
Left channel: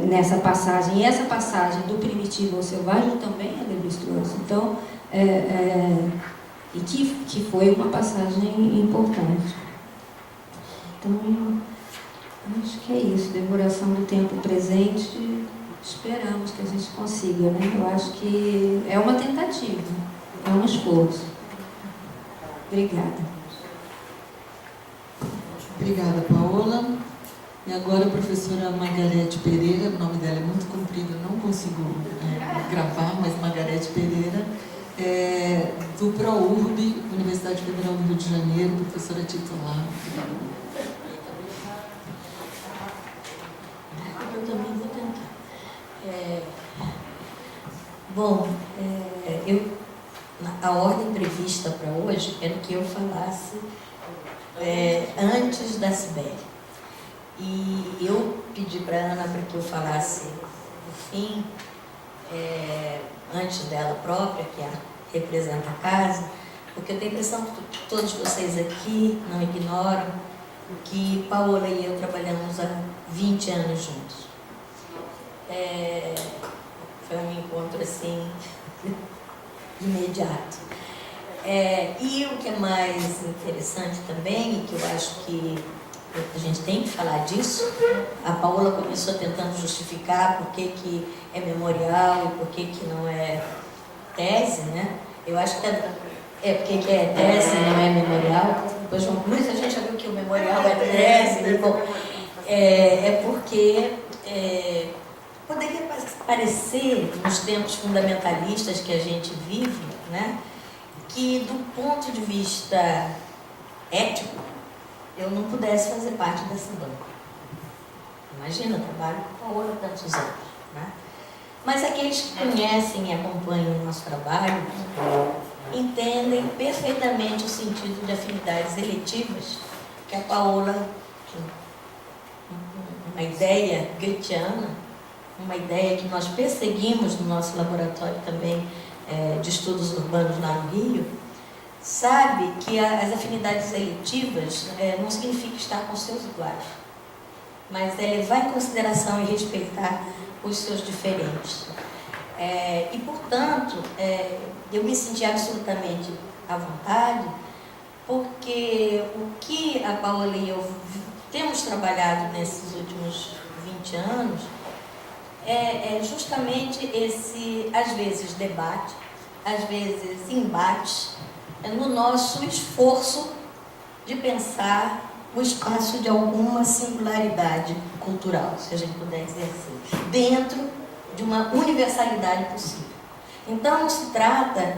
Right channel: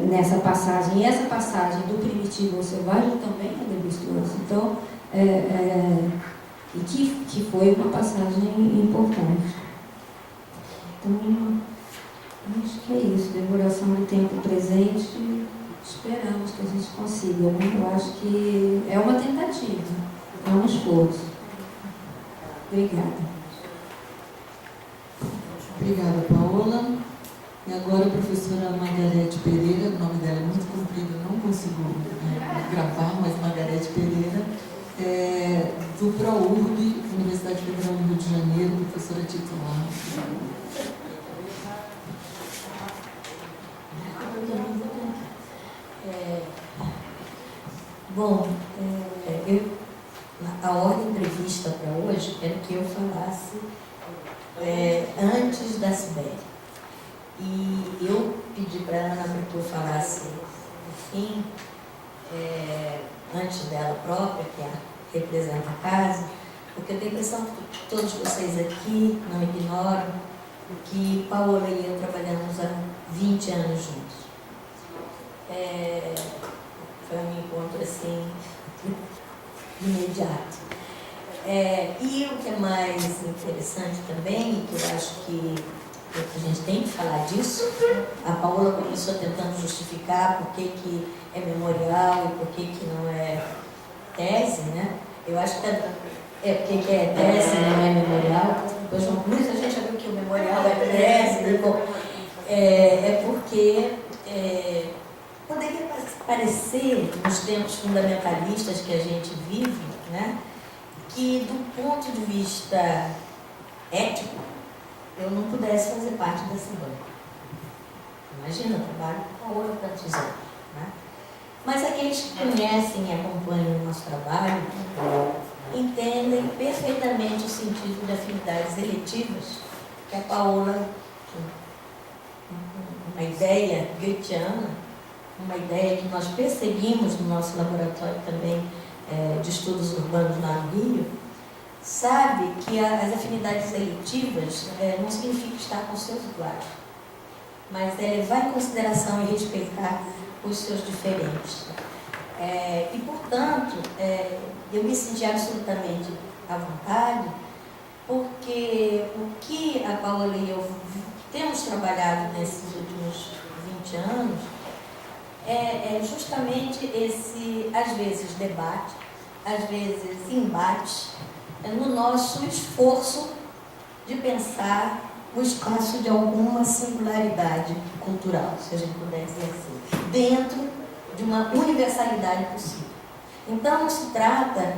Nessa passagem, e essa passagem do primitivo ao selvagem também é Lévi-Strauss. Então, e que foi uma passagem importante. Então, acho que é isso, devoração do tempo presente, esperamos que a gente consiga, né? Eu acho que é uma tentativa, é um esforço. Obrigada. Obrigada, Paola. E agora a professora Margarete Pereira, o nome dela é muito comprido, não consigo gravar, mas Margarete Pereira, do ProURB, Universidade Federal do Rio de Janeiro, professora titular. A ordem prevista para hoje era que eu falasse antes da Sibeli. E eu pedi para a Ana para que eu falasse, enfim, antes dela própria, que representa a casa, porque eu tenho a impressão que todos vocês aqui não ignoram que Paola e eu trabalhamos há 20 anos juntos. Foi um encontro assim, imediato. E o que é mais interessante também, e que eu acho que a gente tem que falar disso, a Paola começou tentando justificar por que é memorial e por que não é tese, né? Eu acho que porque é tese, não é memorial. Depois, muita gente já viu que o memorial é tese. Bom, porque poderia parecer, nos tempos fundamentalistas que a gente vive, né, que do ponto de vista ético, eu não pudesse fazer parte desse banco. Imagina, eu trabalho com a Paola há tantos anos, né? Mas aqueles que conhecem e acompanham o nosso trabalho entendem perfeitamente o sentido de afinidades eletivas que a Paola, uma ideia goetheana, uma ideia que nós perseguimos no nosso laboratório também de estudos urbanos lá no Rio, sabe que as afinidades eletivas não significa estar com seus iguais, mas é levar em consideração e respeitar os seus diferentes. E, portanto, eu me senti absolutamente à vontade, porque o que a Paola e eu temos trabalhado nesses últimos 20 anos é justamente esse, às vezes, debate, às vezes, embate, no nosso esforço de pensar o espaço de alguma singularidade cultural, se a gente puder dizer assim, dentro de uma universalidade possível. Então, não se trata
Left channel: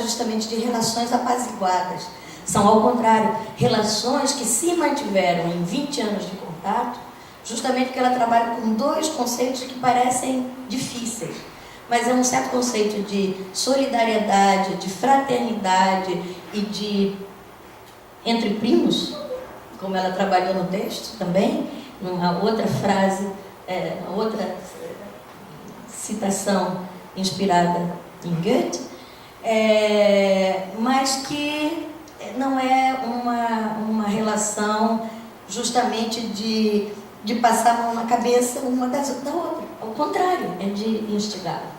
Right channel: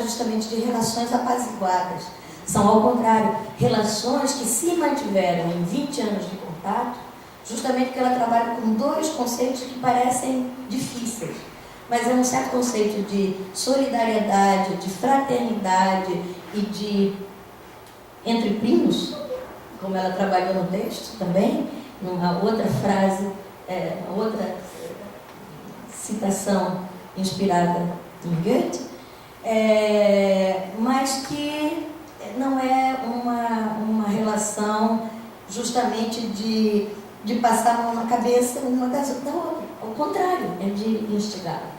justamente de relações apaziguadas, são, ao contrário, relações que se mantiveram em 20 anos de contato, justamente porque ela trabalha com dois conceitos que parecem difíceis, mas é um certo conceito de solidariedade, de fraternidade e de entre primos, como ela trabalhou no texto também, numa outra frase, uma outra citação inspirada em Goethe, mas que não é uma relação justamente de passar a mão na cabeça uma da outra. Ao contrário, é de instigar-se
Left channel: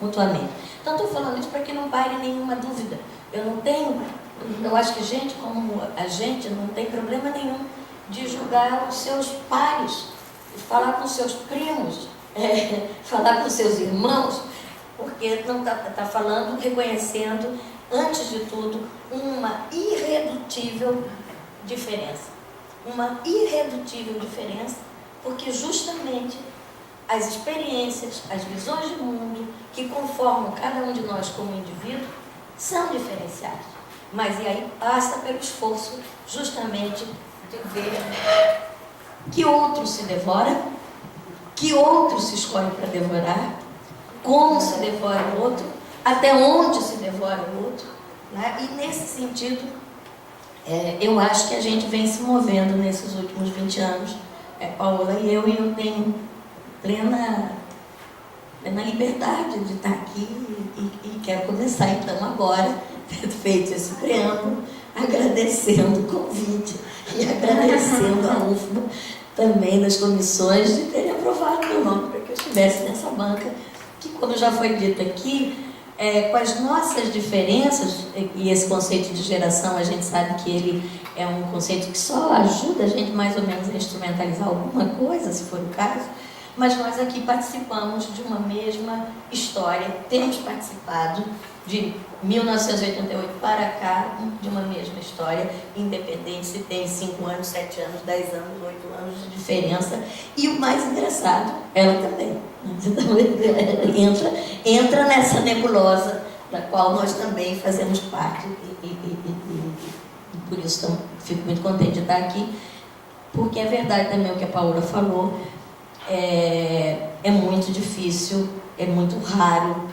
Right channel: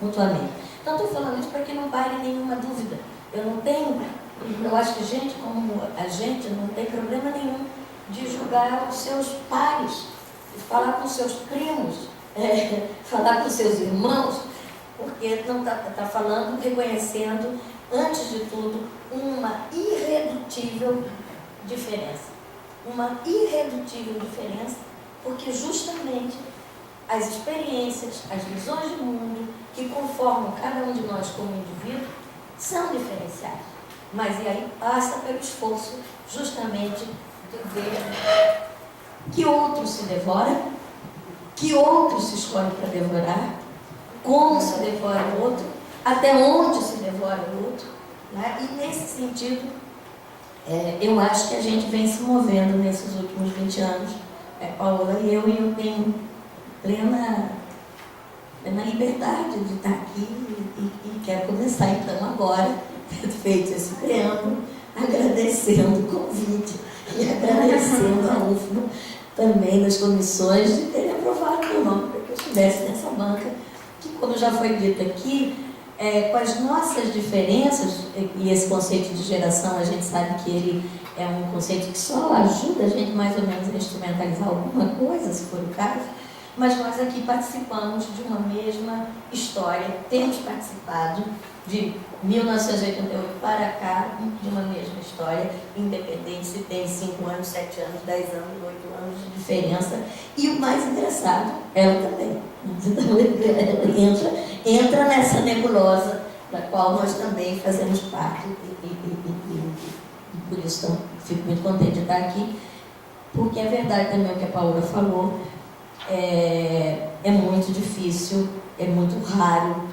mutuamente. Então, estou falando isso para que não pare nenhuma dúvida. Eu acho que gente como a gente não tem problema nenhum de julgar os seus pares, falar com seus primos, falar com seus irmãos, porque não está falando, reconhecendo, antes de tudo, uma irredutível diferença. Uma irredutível diferença, porque justamente as experiências, as visões de mundo que conformam cada um de nós como indivíduo são diferenciadas. Mas e aí passa pelo esforço justamente de ver que outro se devora, que outro se escolhe para devorar, como se devora o outro, até onde se devora o outro, né? E nesse sentido, eu acho que a gente vem se movendo nesses últimos 20 anos, Paola e eu tenho plena liberdade de estar aqui e quero começar então agora, tendo feito esse preâmbulo, agradecendo o convite e agradecendo a UFBA também das comissões de terem aprovado meu nome para que eu estivesse nessa banca, que, como já foi dito aqui, com as nossas diferenças, e esse conceito de geração, a gente sabe que ele é um conceito que só ajuda a gente mais ou menos a instrumentalizar alguma coisa, se for o caso, mas nós aqui participamos de uma mesma história, temos participado de 1988 para cá, de uma mesma história, independente se tem 5 anos, 7 anos, 10 anos, 8 anos de diferença. E o mais engraçado, ela também. Então, entra nessa nebulosa da qual nós também fazemos parte. E por isso fico muito contente de estar aqui, porque é verdade também o que a Paola falou, é muito difícil, é muito raro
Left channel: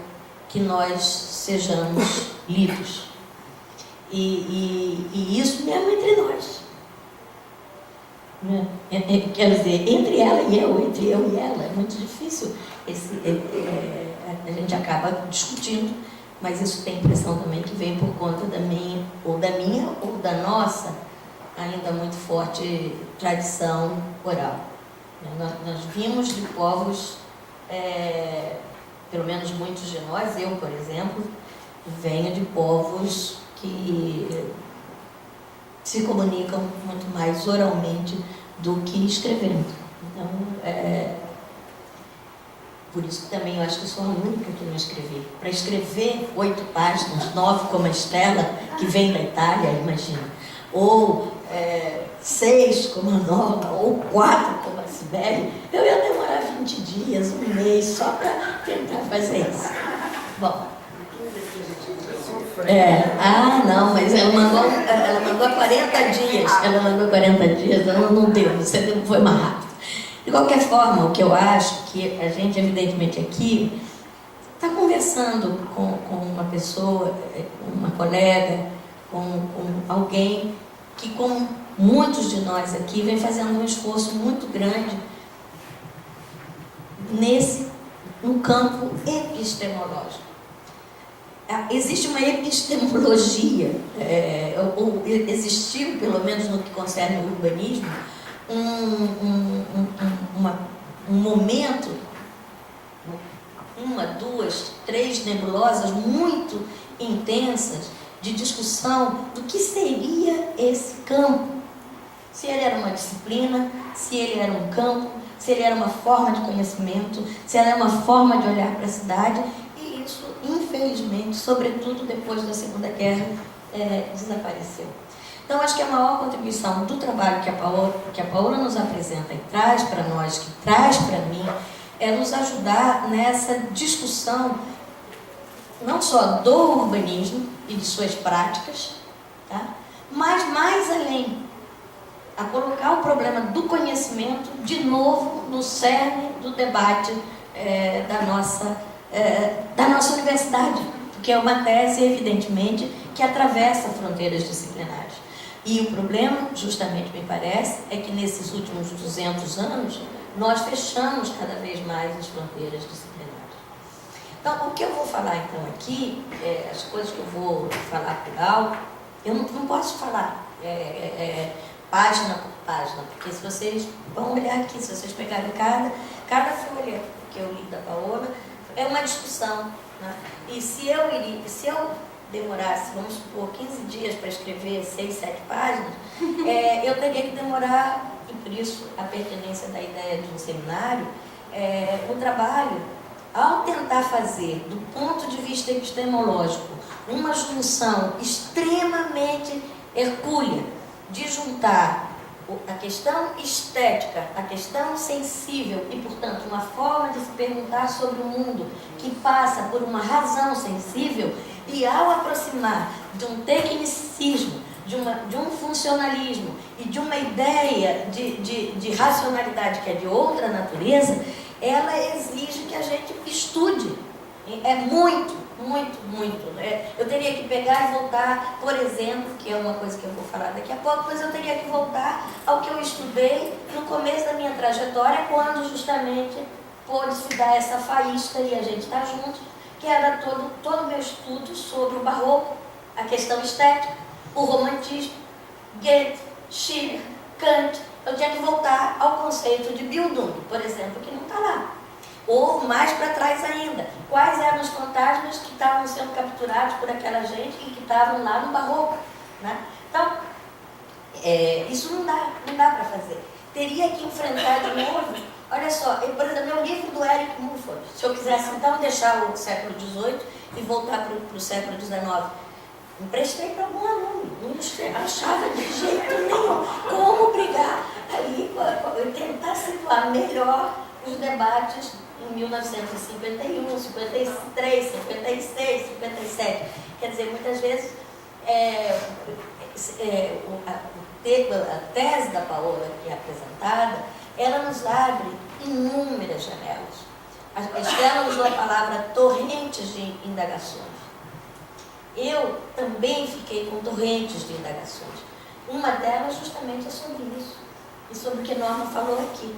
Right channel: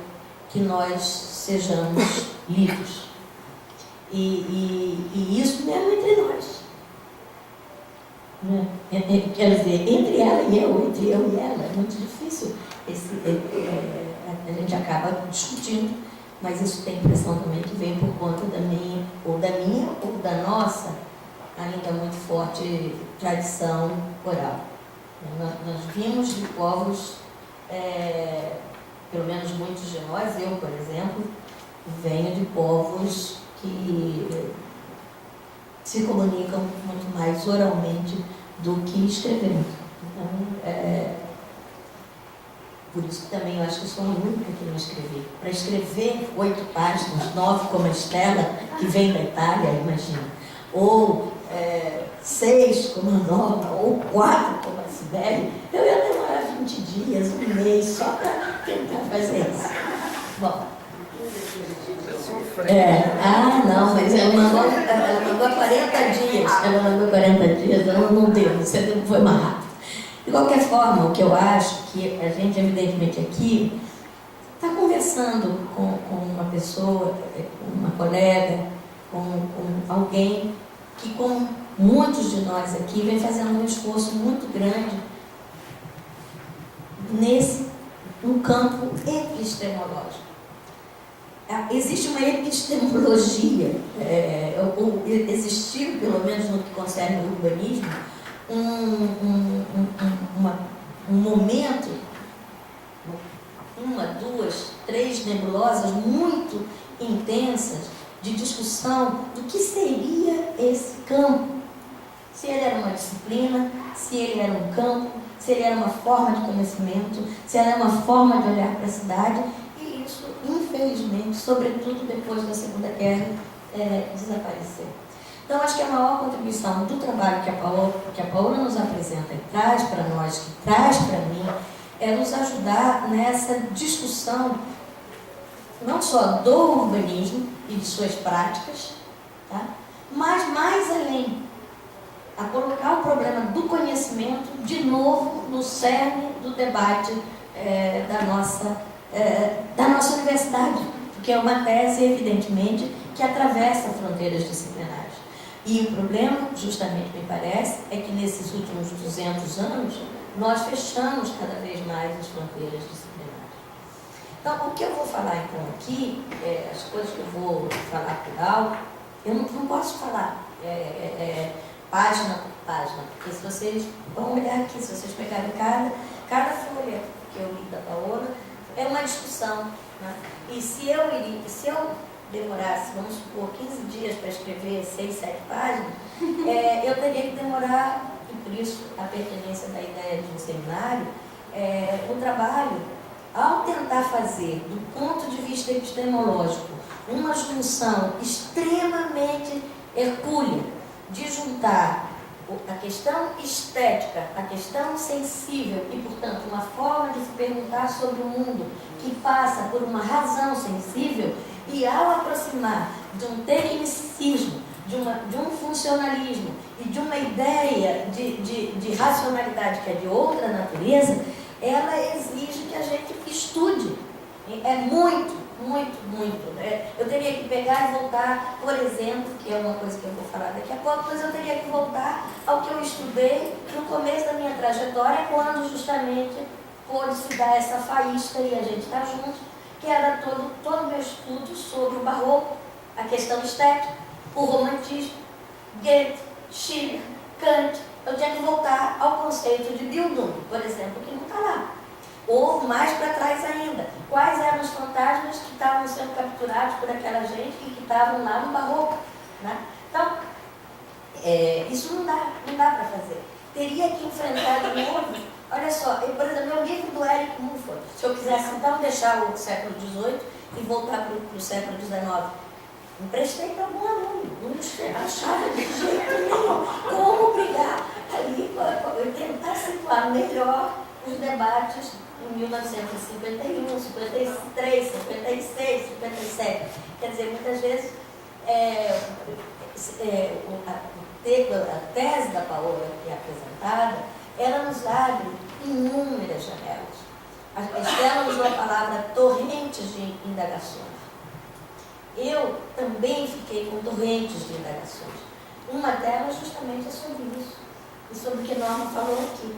que nós sejamos lidos. E isso mesmo entre nós. Quer dizer, entre ela e eu, entre eu e ela, é muito difícil. A gente acaba discutindo, mas isso tem impressão também que vem por conta da minha ou da nossa ainda muito forte tradição oral. Nós vimos de povos, pelo menos muitos de nós, eu, por exemplo, venho de povos que se comunicam muito mais oralmente do que escrevendo. Então, por isso também eu acho que eu sou a única que não escrevi. Para escrever 8 páginas, 9 como a Estela, que vem da Itália, imagina, ou 6 como a Norma, ou 4 como a Sibeli, eu ia demorar 20 dias, um mês, só para tentar fazer isso. Bom. Não, mas ela mandou há 40 dias. Ela mandou 40 dias, não deu, você foi mais rápido. De qualquer forma, o que eu acho que a gente, evidentemente, aqui está conversando com uma pessoa, com uma colega, com alguém que, como muitos de nós aqui vem fazendo um esforço muito grande no campo epistemológico. Existe uma epistemologia, ou existiu, pelo menos no que concerne o urbanismo, um momento, 1, 2, 3 nebulosas muito intensas de discussão do que seria esse campo. Se ele era uma disciplina, se ele era um campo, se ele era uma forma de conhecimento, se ele era uma forma de olhar para a cidade, e isso, infelizmente, sobretudo depois da Segunda Guerra, desapareceu. Então, acho que a maior contribuição do trabalho que a Paola nos apresenta e traz para nós, que traz para mim, é nos ajudar nessa discussão, não só do urbanismo e de suas práticas, tá? Mas mais além, a colocar o problema do conhecimento de novo no cerne do debate da nossa universidade, porque é uma tese, evidentemente, que atravessa fronteiras disciplinares. E o problema, justamente me parece, é que nesses últimos 200 anos, nós fechamos cada vez mais as fronteiras disciplinares. Então, o que eu vou falar então aqui, as coisas que eu vou falar por alto, eu não posso falar página por página, porque se vocês vão olhar aqui, se vocês pegarem cada folha que eu li da Paola, é uma discussão, né? E se eu demorasse, vamos supor, 15 dias para escrever 6, 7 páginas, eu teria que demorar, e por isso a pertinência da ideia de um seminário, um trabalho, ao tentar fazer, do ponto de vista epistemológico, uma junção extremamente hercúlea, de juntar a questão estética, a questão sensível e, portanto, uma forma de se perguntar sobre o mundo que passa por uma razão sensível, e ao aproximar de um tecnicismo, de um funcionalismo e de uma ideia de racionalidade que é de outra natureza, ela exige que a gente estude. É muito. Eu teria que pegar e voltar, por exemplo, que é uma coisa que eu vou falar daqui a pouco, mas eu teria que voltar ao que eu estudei no começo da minha trajetória, quando justamente pôde-se dar essa faísca e a gente está junto, que era todo o meu estudo sobre o barroco, a questão estética, o romantismo, Goethe, Schiller, Kant. Eu tinha que voltar ao conceito de Bildung, por exemplo, que não está lá. Ou mais para trás ainda, quais eram os fantasmas que estavam sendo capturados por aquela gente e que estavam lá no barroco, né? Então, isso não dá para fazer. Teria que enfrentar de novo. Olha só, por exemplo, meu livro do Eric Mulford, se eu quisesse então deixar o século XVIII e voltar para o século XIX, emprestei para algum aluno, não achava de jeito nenhum como brigar ali, tentar situar melhor os debates em 1951, 53, 56, 57. Quer dizer, muitas vezes a tese da Paola que é apresentada, ela nos abre inúmeras janelas. Ela usou a palavra torrentes de indagações. Eu também fiquei com torrentes de indagações. Uma delas justamente é sobre isso, e sobre o que Norma falou aqui.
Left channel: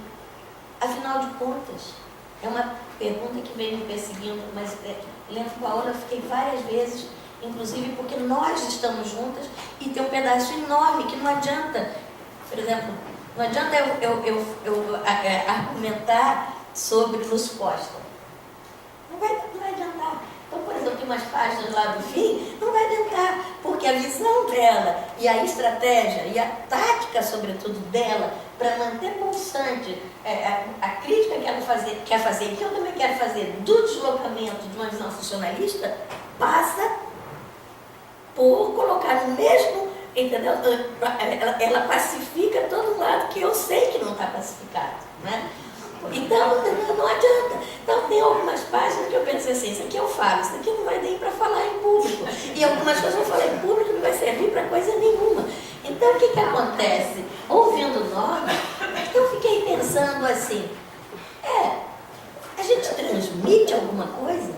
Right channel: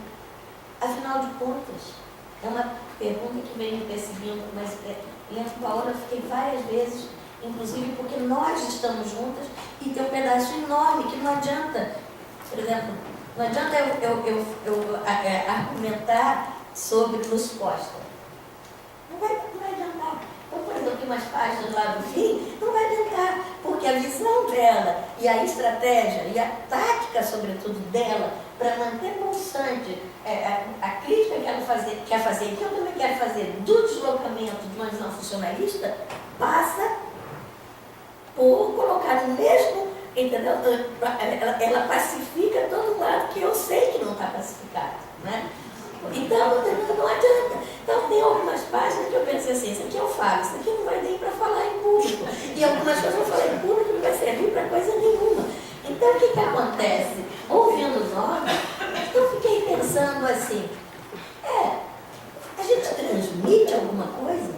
Afinal de contas, é uma pergunta que vem me perseguindo, mas lendo Paola, eu fiquei várias vezes, inclusive porque nós estamos juntas e tem um pedaço enorme que não adianta, por exemplo, não adianta eu argumentar sobre Luz Costa. Não vai adiantar. Então, por exemplo, tem umas páginas lá do fim, não vai adiantar, porque a visão dela e a estratégia e a tática, sobretudo, dela, para manter pulsante a crítica que ela quer fazer, e que eu também quero fazer, do deslocamento de uma visão funcionalista, passa por colocar no mesmo, entendeu? Ela pacifica todo lado que eu sei que não está pacificado, né? Então, não adianta. Então, tem algumas páginas que eu pensei assim, isso aqui eu falo, isso aqui não vai nem para falar em público. E algumas coisas eu falei em público não vai servir para coisa nenhuma. Então, o que acontece? Ouvindo Norma, eu fiquei pensando assim, a gente transmite alguma coisa?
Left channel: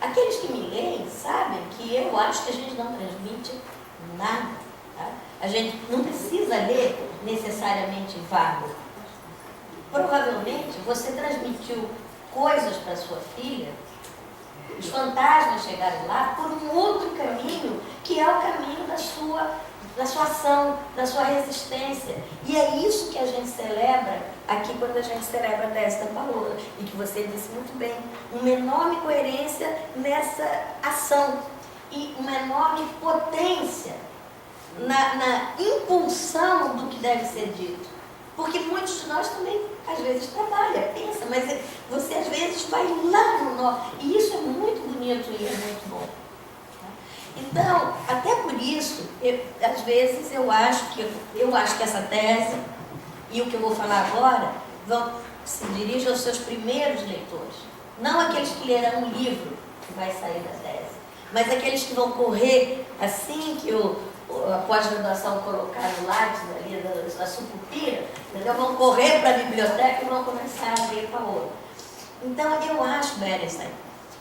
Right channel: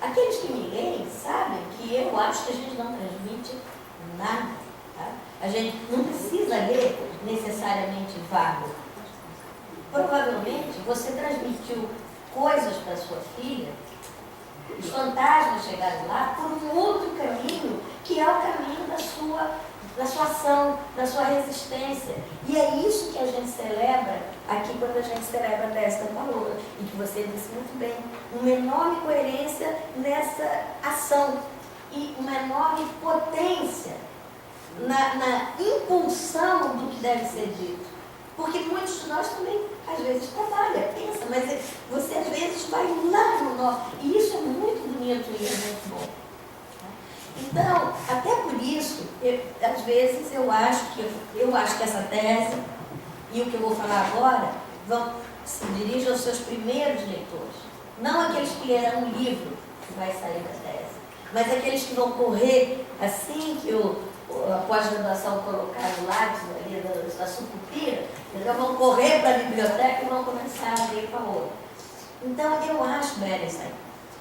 Aqueles que me leem sabem que eu acho que a gente não transmite nada. Tá? A gente não precisa ler necessariamente vago. Provavelmente você transmitiu coisas para sua filha, os fantasmas chegaram lá por um outro caminho, que é o caminho da sua ação, da sua resistência. E é isso que a gente celebra aqui quando a gente celebra a tese da Paola, e que você disse muito bem, uma enorme coerência nessa ação e uma enorme potência na impulsão do que deve ser dito. Porque muitos de nós também, às vezes, trabalham, pensa, mas você às vezes vai lá no nó. E isso é muito bonito e é muito bom. Então, até por isso, às vezes eu acho que essa tese, e o que eu vou falar agora, se dirige aos seus primeiros leitores. Não aqueles que lerão um livro que vai sair da tese, mas aqueles que vão correr assim que a pós-graduação colocar o lápis ali da sucupira, entendeu? Vão correr para a biblioteca e vão começar a ler Paola. Então, eu acho, Berenstein,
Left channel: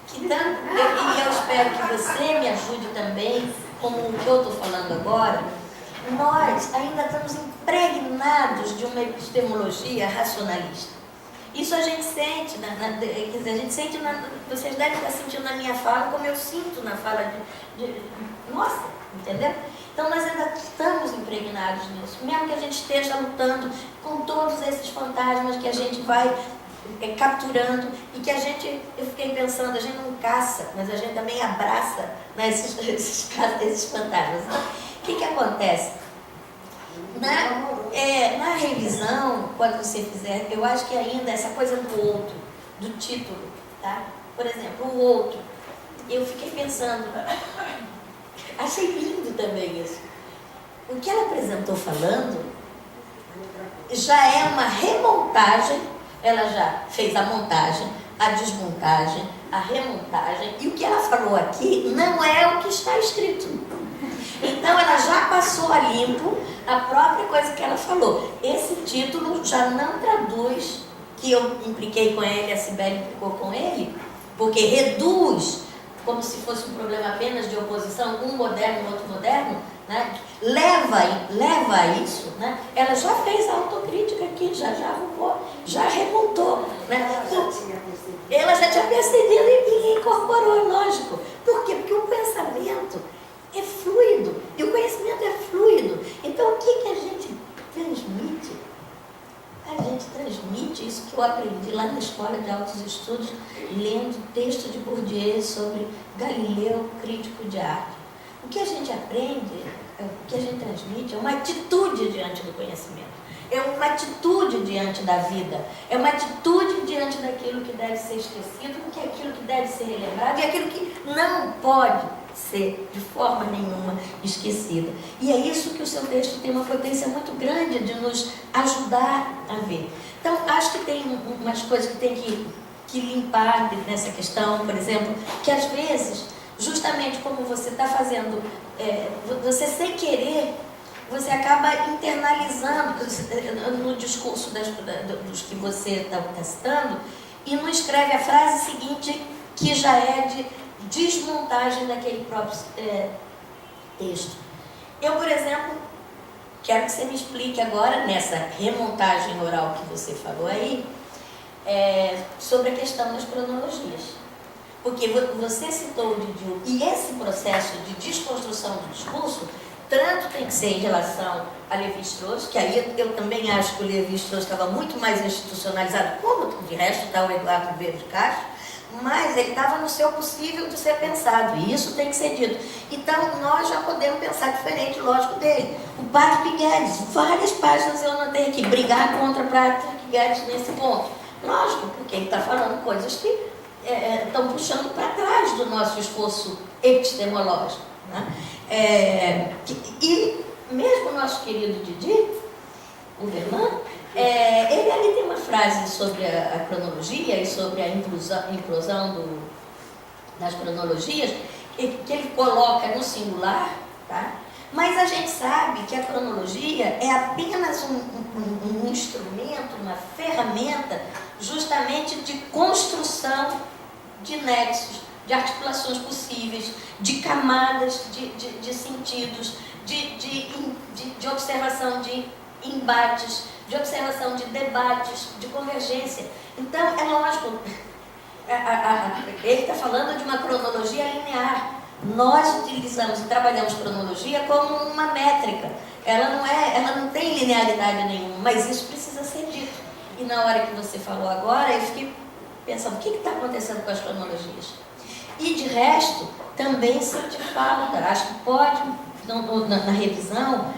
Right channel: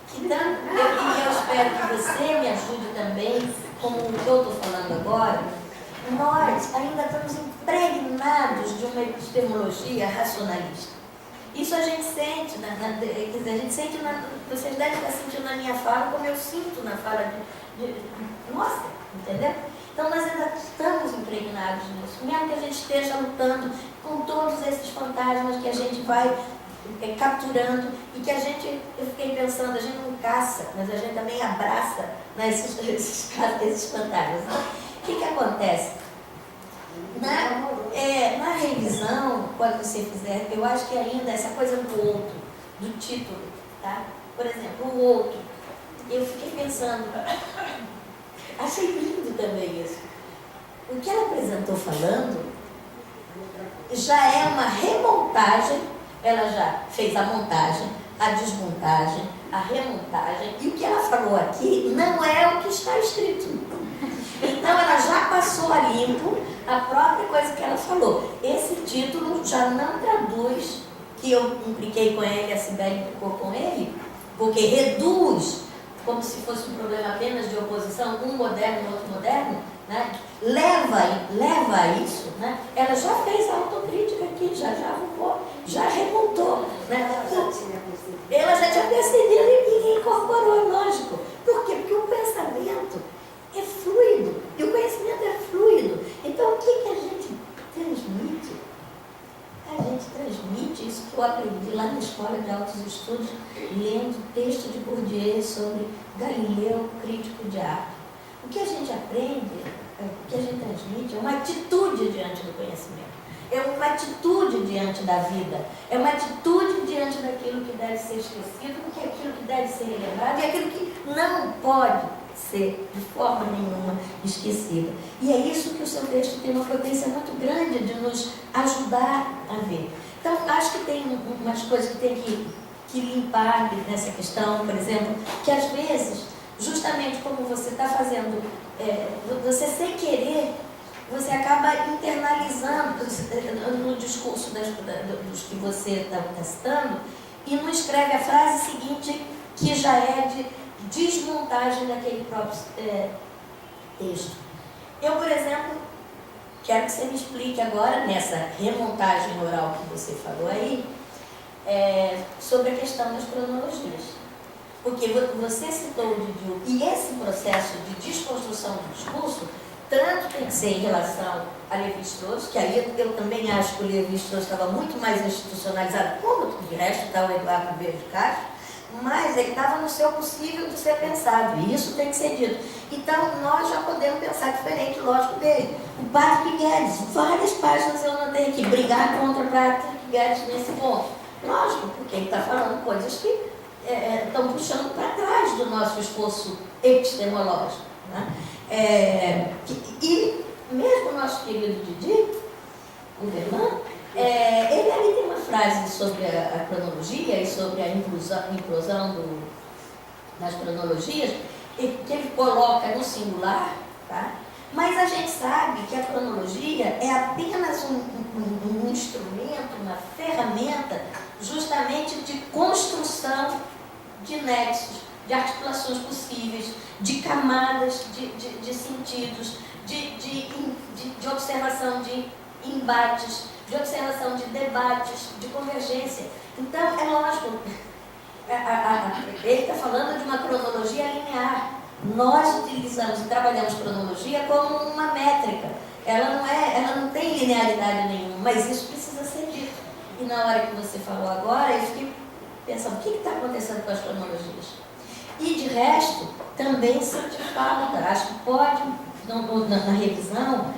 que e eu espero que você me ajude também, como o que eu estou falando agora, nós ainda estamos impregnados de uma epistemologia racionalista. Isso a gente sente, quer dizer, a gente sente, vocês devem estar sentindo na minha fala, como eu sinto na fala nossa, entendeu? Então nós ainda estamos impregnados nisso, mesmo que a gente esteja lutando com todos esses fantasmas que a gente vai capturando e que eu fiquei pensando, a gente não caça, mas a gente também abraça, né, esses fantasmas. O que acontece? Na revisão, quando você fizer, eu acho que ainda essa coisa do outro, do título, tá? Por exemplo, o outro, eu fiquei pensando, achei lindo também isso. O que ela apresentou falando já é uma remontagem, ela já fez a montagem, a desmontagem, a remontagem, e o que ela falou aqui não é o que está escrito. Então ela já passou a limpo a própria coisa que ela falou. Esse título já não traduz, que eu impliquei com ele, a Sibeli implicou com ele, porque reduz, como se fosse um problema apenas de oposição, um moderno e outro moderno, né? leva a isso, né? Ela já fez a autocrítica aqui, já remontou. Né? Ela já tinha percebido e incorporou, lógico. Por quê? Porque o pensamento é fluido, e o conhecimento é fluido. Então, o que a gente transmite? A gente transmite isso que eu aprendi lá na Escola de Altos Estudos, lendo texto de Bourdieu sobre Galileu, crítico de arte. O que a gente aprende, o que a gente transmite é uma atitude diante do conhecimento. É uma atitude diante da vida. É uma atitude diante daquilo que deve ser esquecido, que é aquilo que deve ser relembrado e aquilo que não pode ser de forma nenhuma esquecida. E é isso que o seu texto tem uma potência muito grande de nos ajudar a ver. Então, acho que tem umas coisas que tem que limpar nessa questão, por exemplo, que às vezes, justamente como você está fazendo, você sem querer, você acaba internalizando no discurso dos que você está testando e não escreve a frase seguinte, que já é de desmontagem daquele próprio texto. Eu, por exemplo, quero que você me explique agora, nessa remontagem oral que você falou aí, sobre a questão das cronologias. Porque você citou o Didiu, e esse processo de desconstrução do discurso, tanto tem que ser em relação a Lévi-Strauss, que aí eu também acho que o Lévi-Strauss estava muito mais institucionalizado, como de resto está o Eduardo Ribeiro de Castro, mas ele estava no seu possível de ser pensado, e isso tem que ser dito. Então, nós já podemos pensar diferente, lógico, dele. O Patrick Guedes, várias páginas eu notei aqui, brigar contra o Patrick Guedes nesse ponto. Lógico, porque ele está falando coisas que estão puxando para trás do nosso esforço epistemológico. Né? E mesmo o nosso querido Didi, o Verlan, ele ali tem uma frase sobre a cronologia e sobre a implosão das cronologias, que ele coloca no singular, tá? Mas a gente sabe que a cronologia é apenas um instrumento, uma ferramenta, justamente de construção de nexos, de articulações possíveis, de camadas de sentidos, de de observação de embates, de observação de debates, de convergência. Então, é lógico, ele está falando de uma cronologia linear. Nós utilizamos e trabalhamos cronologia como uma métrica. Ela não tem linearidade nenhuma, mas isso precisa ser dito. E na hora que você falou agora, eu fiquei pensando, o que está acontecendo com as cronologias? E de resto, também senti falta, acho que pode, na revisão,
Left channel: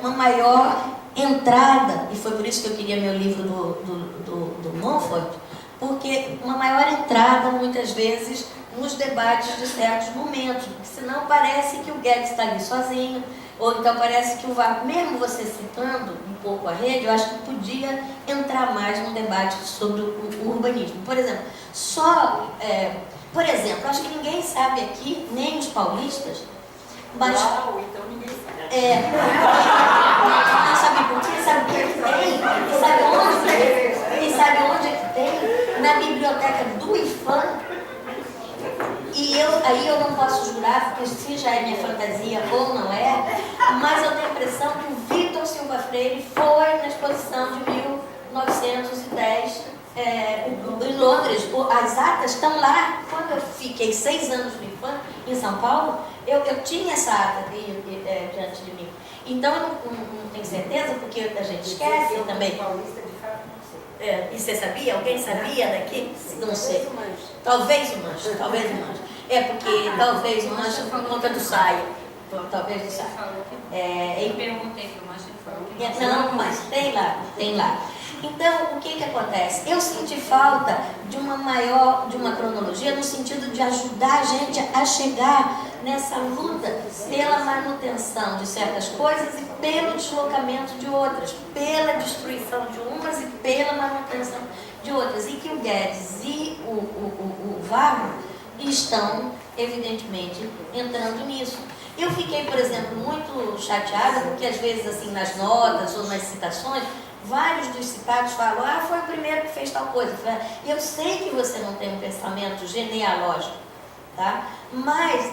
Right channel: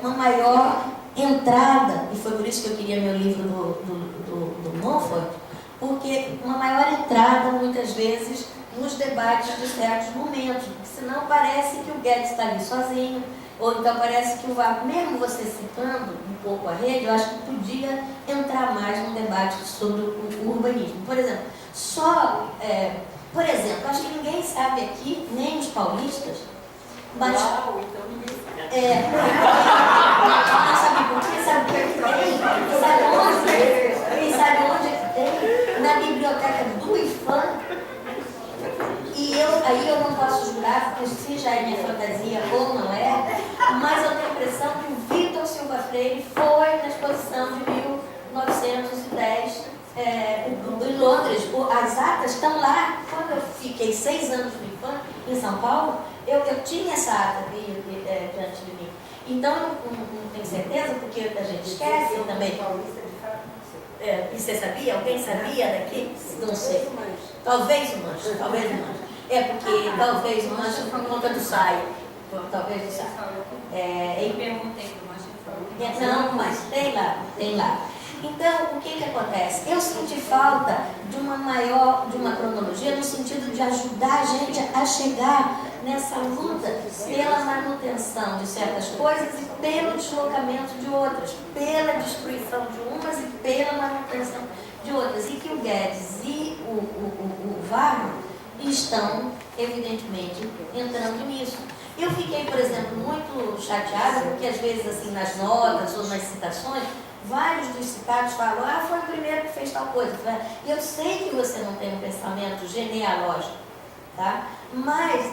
uma maior entrada, e foi por isso que eu queria meu livro do Montfort, porque uma maior entrada, muitas vezes, nos debates de certos momentos, porque senão parece que o Guedes está ali sozinho, ou então parece que o Vargas, mesmo você citando um pouco a rede, eu acho que podia entrar mais num debate sobre o urbanismo. Por exemplo, acho que ninguém sabe aqui, nem os paulistas, mas... Uau, então ninguém sabe. Não sabe por quê? Sabe o que tem? Sabe onde é que tem? Na biblioteca do IFAM. E aí eu não posso jurar, porque se já é minha fantasia ou não é, mas eu tenho a impressão que o Vitor Silva Freire foi na exposição de 1910 em Londres. As atas estão lá. Quando eu fiquei 6 anos no IFAM, em São Paulo, eu tinha essa ata diante de mim. Então, eu não tenho certeza, porque a gente esquece também. E você sabia? Alguém sabia daqui? Não sei. Talvez o Mancha. Porque talvez o Mancha por conta do saio. Talvez o saio. Eu perguntei para o Mancha. Não, mas tem lá. Então, o que acontece? Eu senti falta de uma cronologia no sentido de ajudar a gente a chegar nessa luta pela manutenção de certas coisas e pelo deslocamento de outras, pela destruição de umas e pela manutenção de outras. E que o Guedes e o Vargas estão, evidentemente, entrando nisso. Eu fiquei, por exemplo, muito chateada, porque às vezes, assim, nas notas ou nas citações, vários dos citados falam, foi o primeiro que fez tal coisa. Eu sei que você não tem um pensamento genealógico, tá? Mas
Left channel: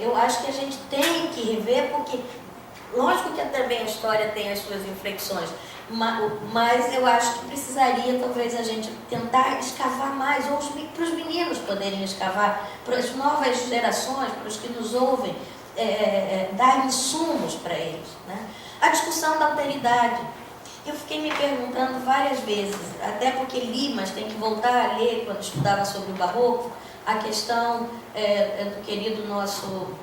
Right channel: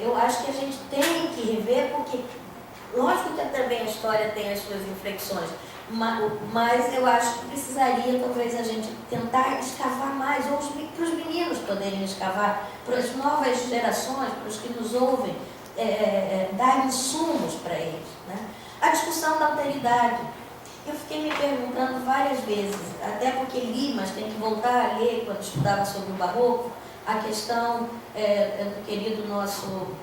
eu acho que a gente tem que rever, porque, lógico que também a história tem as suas inflexões, mas eu acho que precisaria, talvez, a gente tentar escavar mais, ou para os meninos poderem escavar, para as novas gerações, para os que nos ouvem, dar insumos para eles, né? A discussão da alteridade. Eu fiquei me perguntando várias vezes, até porque li, mas tem que voltar a ler quando estudava sobre o Barroco, a questão do querido nosso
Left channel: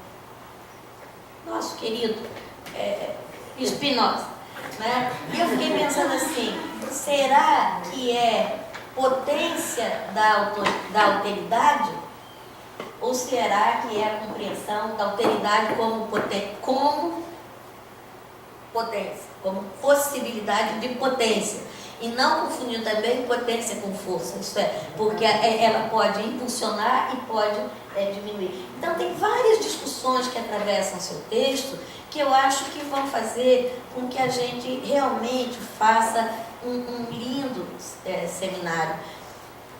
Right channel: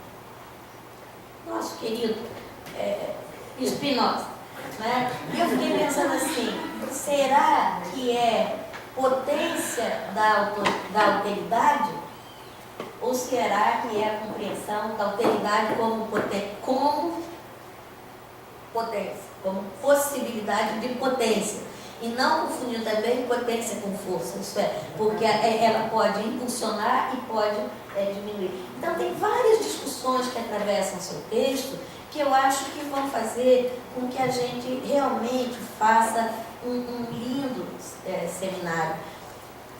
querido Spinoza, né? E eu fiquei pensando assim, será que é potência da alteridade? Ou será que é a compreensão da alteridade como potência, como possibilidade de potência? E não confundir também potência com força, isso é, porque ela pode impulsionar e pode diminuir. Então, tem várias discussões que atravessam seu texto que eu acho que vão fazer com que a gente realmente faça um lindo seminário.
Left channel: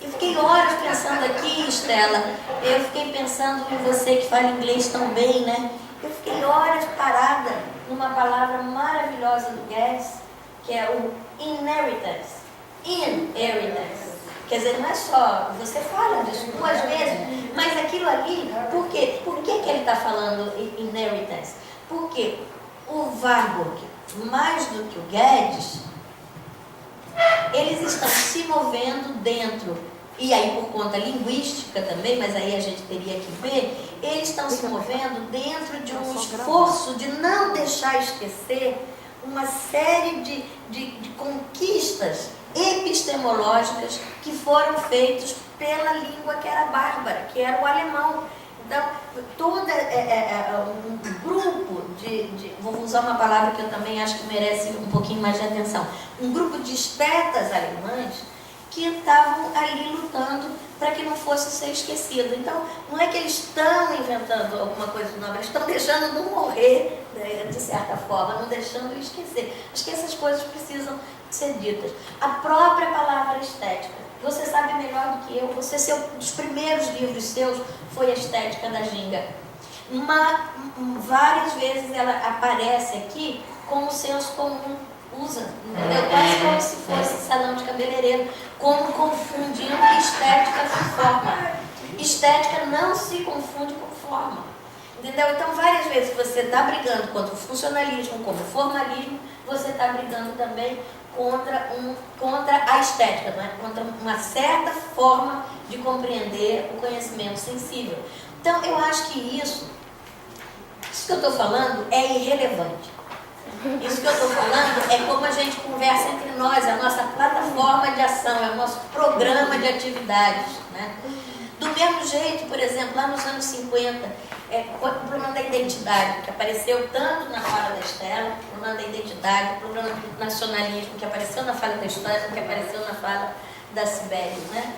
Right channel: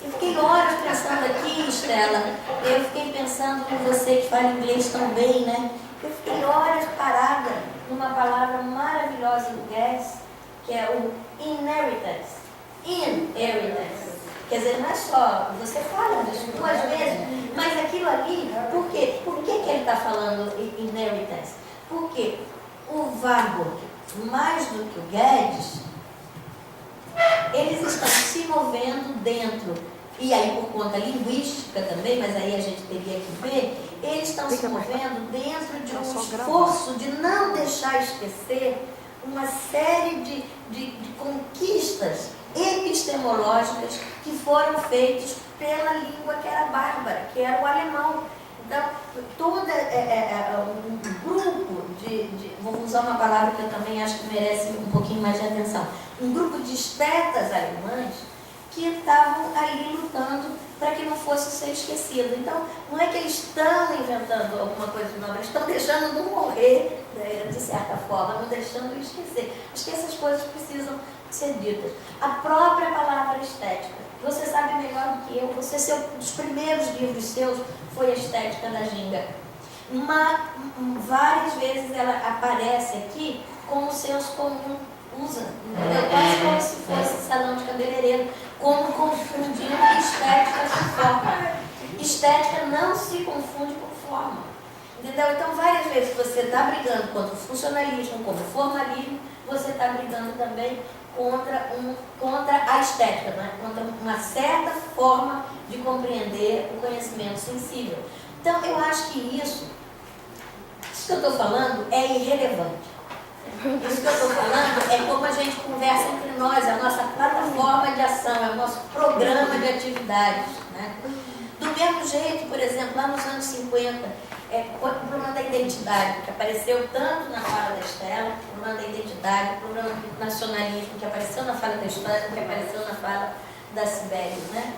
Eu fiquei horas pensando aqui, Estela, eu fiquei pensando em você que fala inglês tão bem, né? Eu fiquei horas parada numa palavra maravilhosa do Guedes, que é o inheritance. Inheritance. Quer dizer, não é só, você fala disso 2 vezes, mas aquilo ali, por quê? Por que ele está falando inheritance? Porque o Warburg, mais do que o Guedes, eles estão se movendo dentro, e aí por conta linguística também, mas aí a gente teria que ver, eles estão se movendo dentro de um esforço de não deixar esquecer uma série de conquistas epistemológicas que foram feitas pela língua que era bárbara, que era o alemão. Então, todo um grupo vou usar uma palavra que eu também acho que merece um pouquinho mais de atenção, um grupo de estetas alemães que estavam ali lutando para que não fosse ser esquecido. Então, não é que eles estão inventando alguma coisa nova, eles estão deixando não morrer, né, de certa forma, não deixando esquecer. Acho que essas coisas precisam ser ditas. A própria palavra estética, você sabe melhor do que eu, um dos primeiros livros seus foi a Estética da Ginga. Várias vezes ela aparece aqui como o senso comum usa, entendeu? Quase como se fosse salão de cabeleireiro, como confundindo estética com forma. Estética não se confunde com forma, entendeu? Então, várias vezes você está brigando contra o funcionalismo, contra o formalismo, você está brigando também contra a estética, né? Contra uma certa forma de compreender o conhecimento sensível. Então, eu acho que isso que eu estou falando é irrelevante. Isso que eu estou falando é como a gente conversa entre nós, a nossa plataforma de ação, é o nosso programa de atividades, né? Do mesmo jeito, por exemplo, lá nos anos 50, o problema da identidade, que apareceu tanto na fala da Estela, o problema da identidade, o problema do nacionalismo, que apareceu na fala da História, que apareceu na fala da Cibele, né?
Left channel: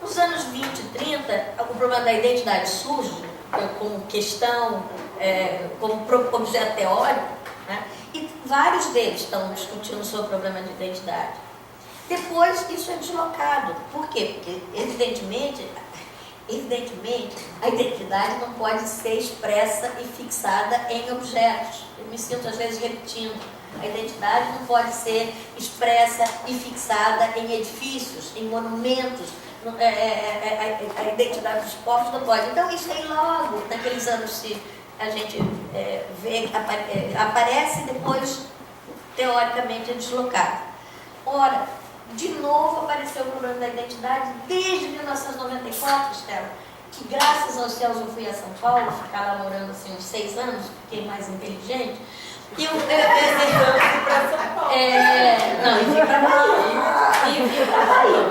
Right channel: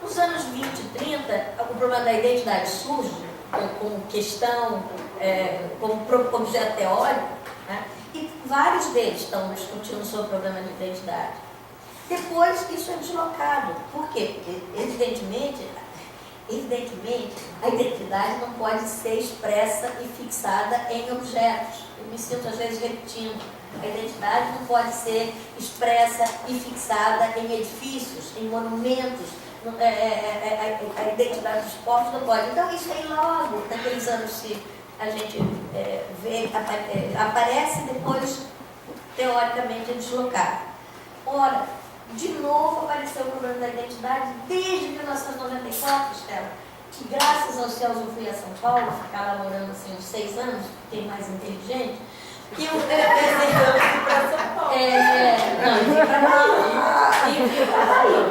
Nos anos 20 e 30, o problema da identidade surge como questão, como objeto teórico, né? E vários deles estão discutindo sobre o problema de identidade. Depois, isso é deslocado. Por quê? Porque, evidentemente, a identidade não pode ser expressa e fixada em objetos. Eu me sinto, às vezes, repetindo. A identidade não pode ser expressa e fixada em edifícios, em monumentos. A identidade dos povos não pode. Então, isso aí logo, naqueles anos que a gente vê, aparece e depois, teoricamente, é deslocado. Ora, de novo apareceu o problema da identidade desde 1994, Estela, que graças aos céus eu fui a São Paulo, ficar lá morando assim, uns 6 anos, fiquei mais inteligente, e eu pensei, para São Paulo. não, eu fui para Bahia. E eu fui para Bahia.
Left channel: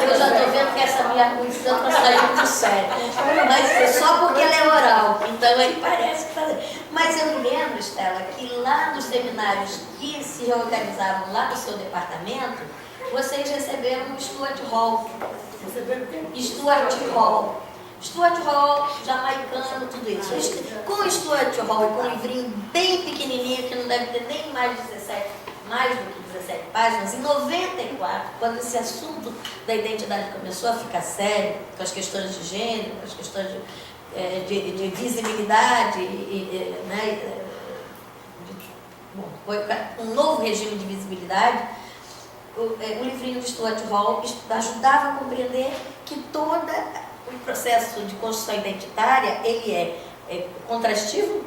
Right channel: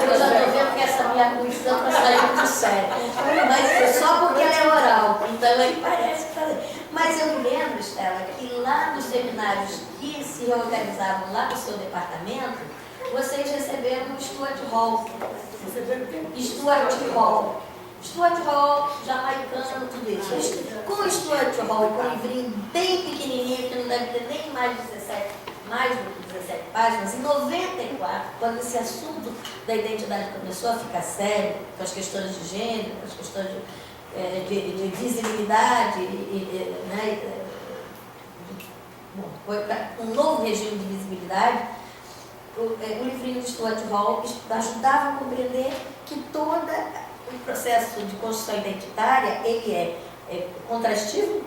Eu já estou vendo que essa minha condição está saindo do sério. Mas é só porque ela é oral, então aí parece que está... Mas eu me lembro, Estela, que lá nos seminários que se reorganizavam lá no seu departamento, vocês receberam o Stuart Hall. Stuart Hall. Stuart Hall, jamaicano, tudo isso. Com o Stuart Hall e com um livrinho bem pequenininho, que não deve ter nem mais do que 17 páginas, em 94, quando esse assunto da identidade começou a ficar sério, com as questões de gênero, com as questões de visibilidade, né, foi um novo regime de visibilidade, o livrinho de Stuart Hall ajudava a compreender que todo o processo de construção identitária, ele é contrastivo,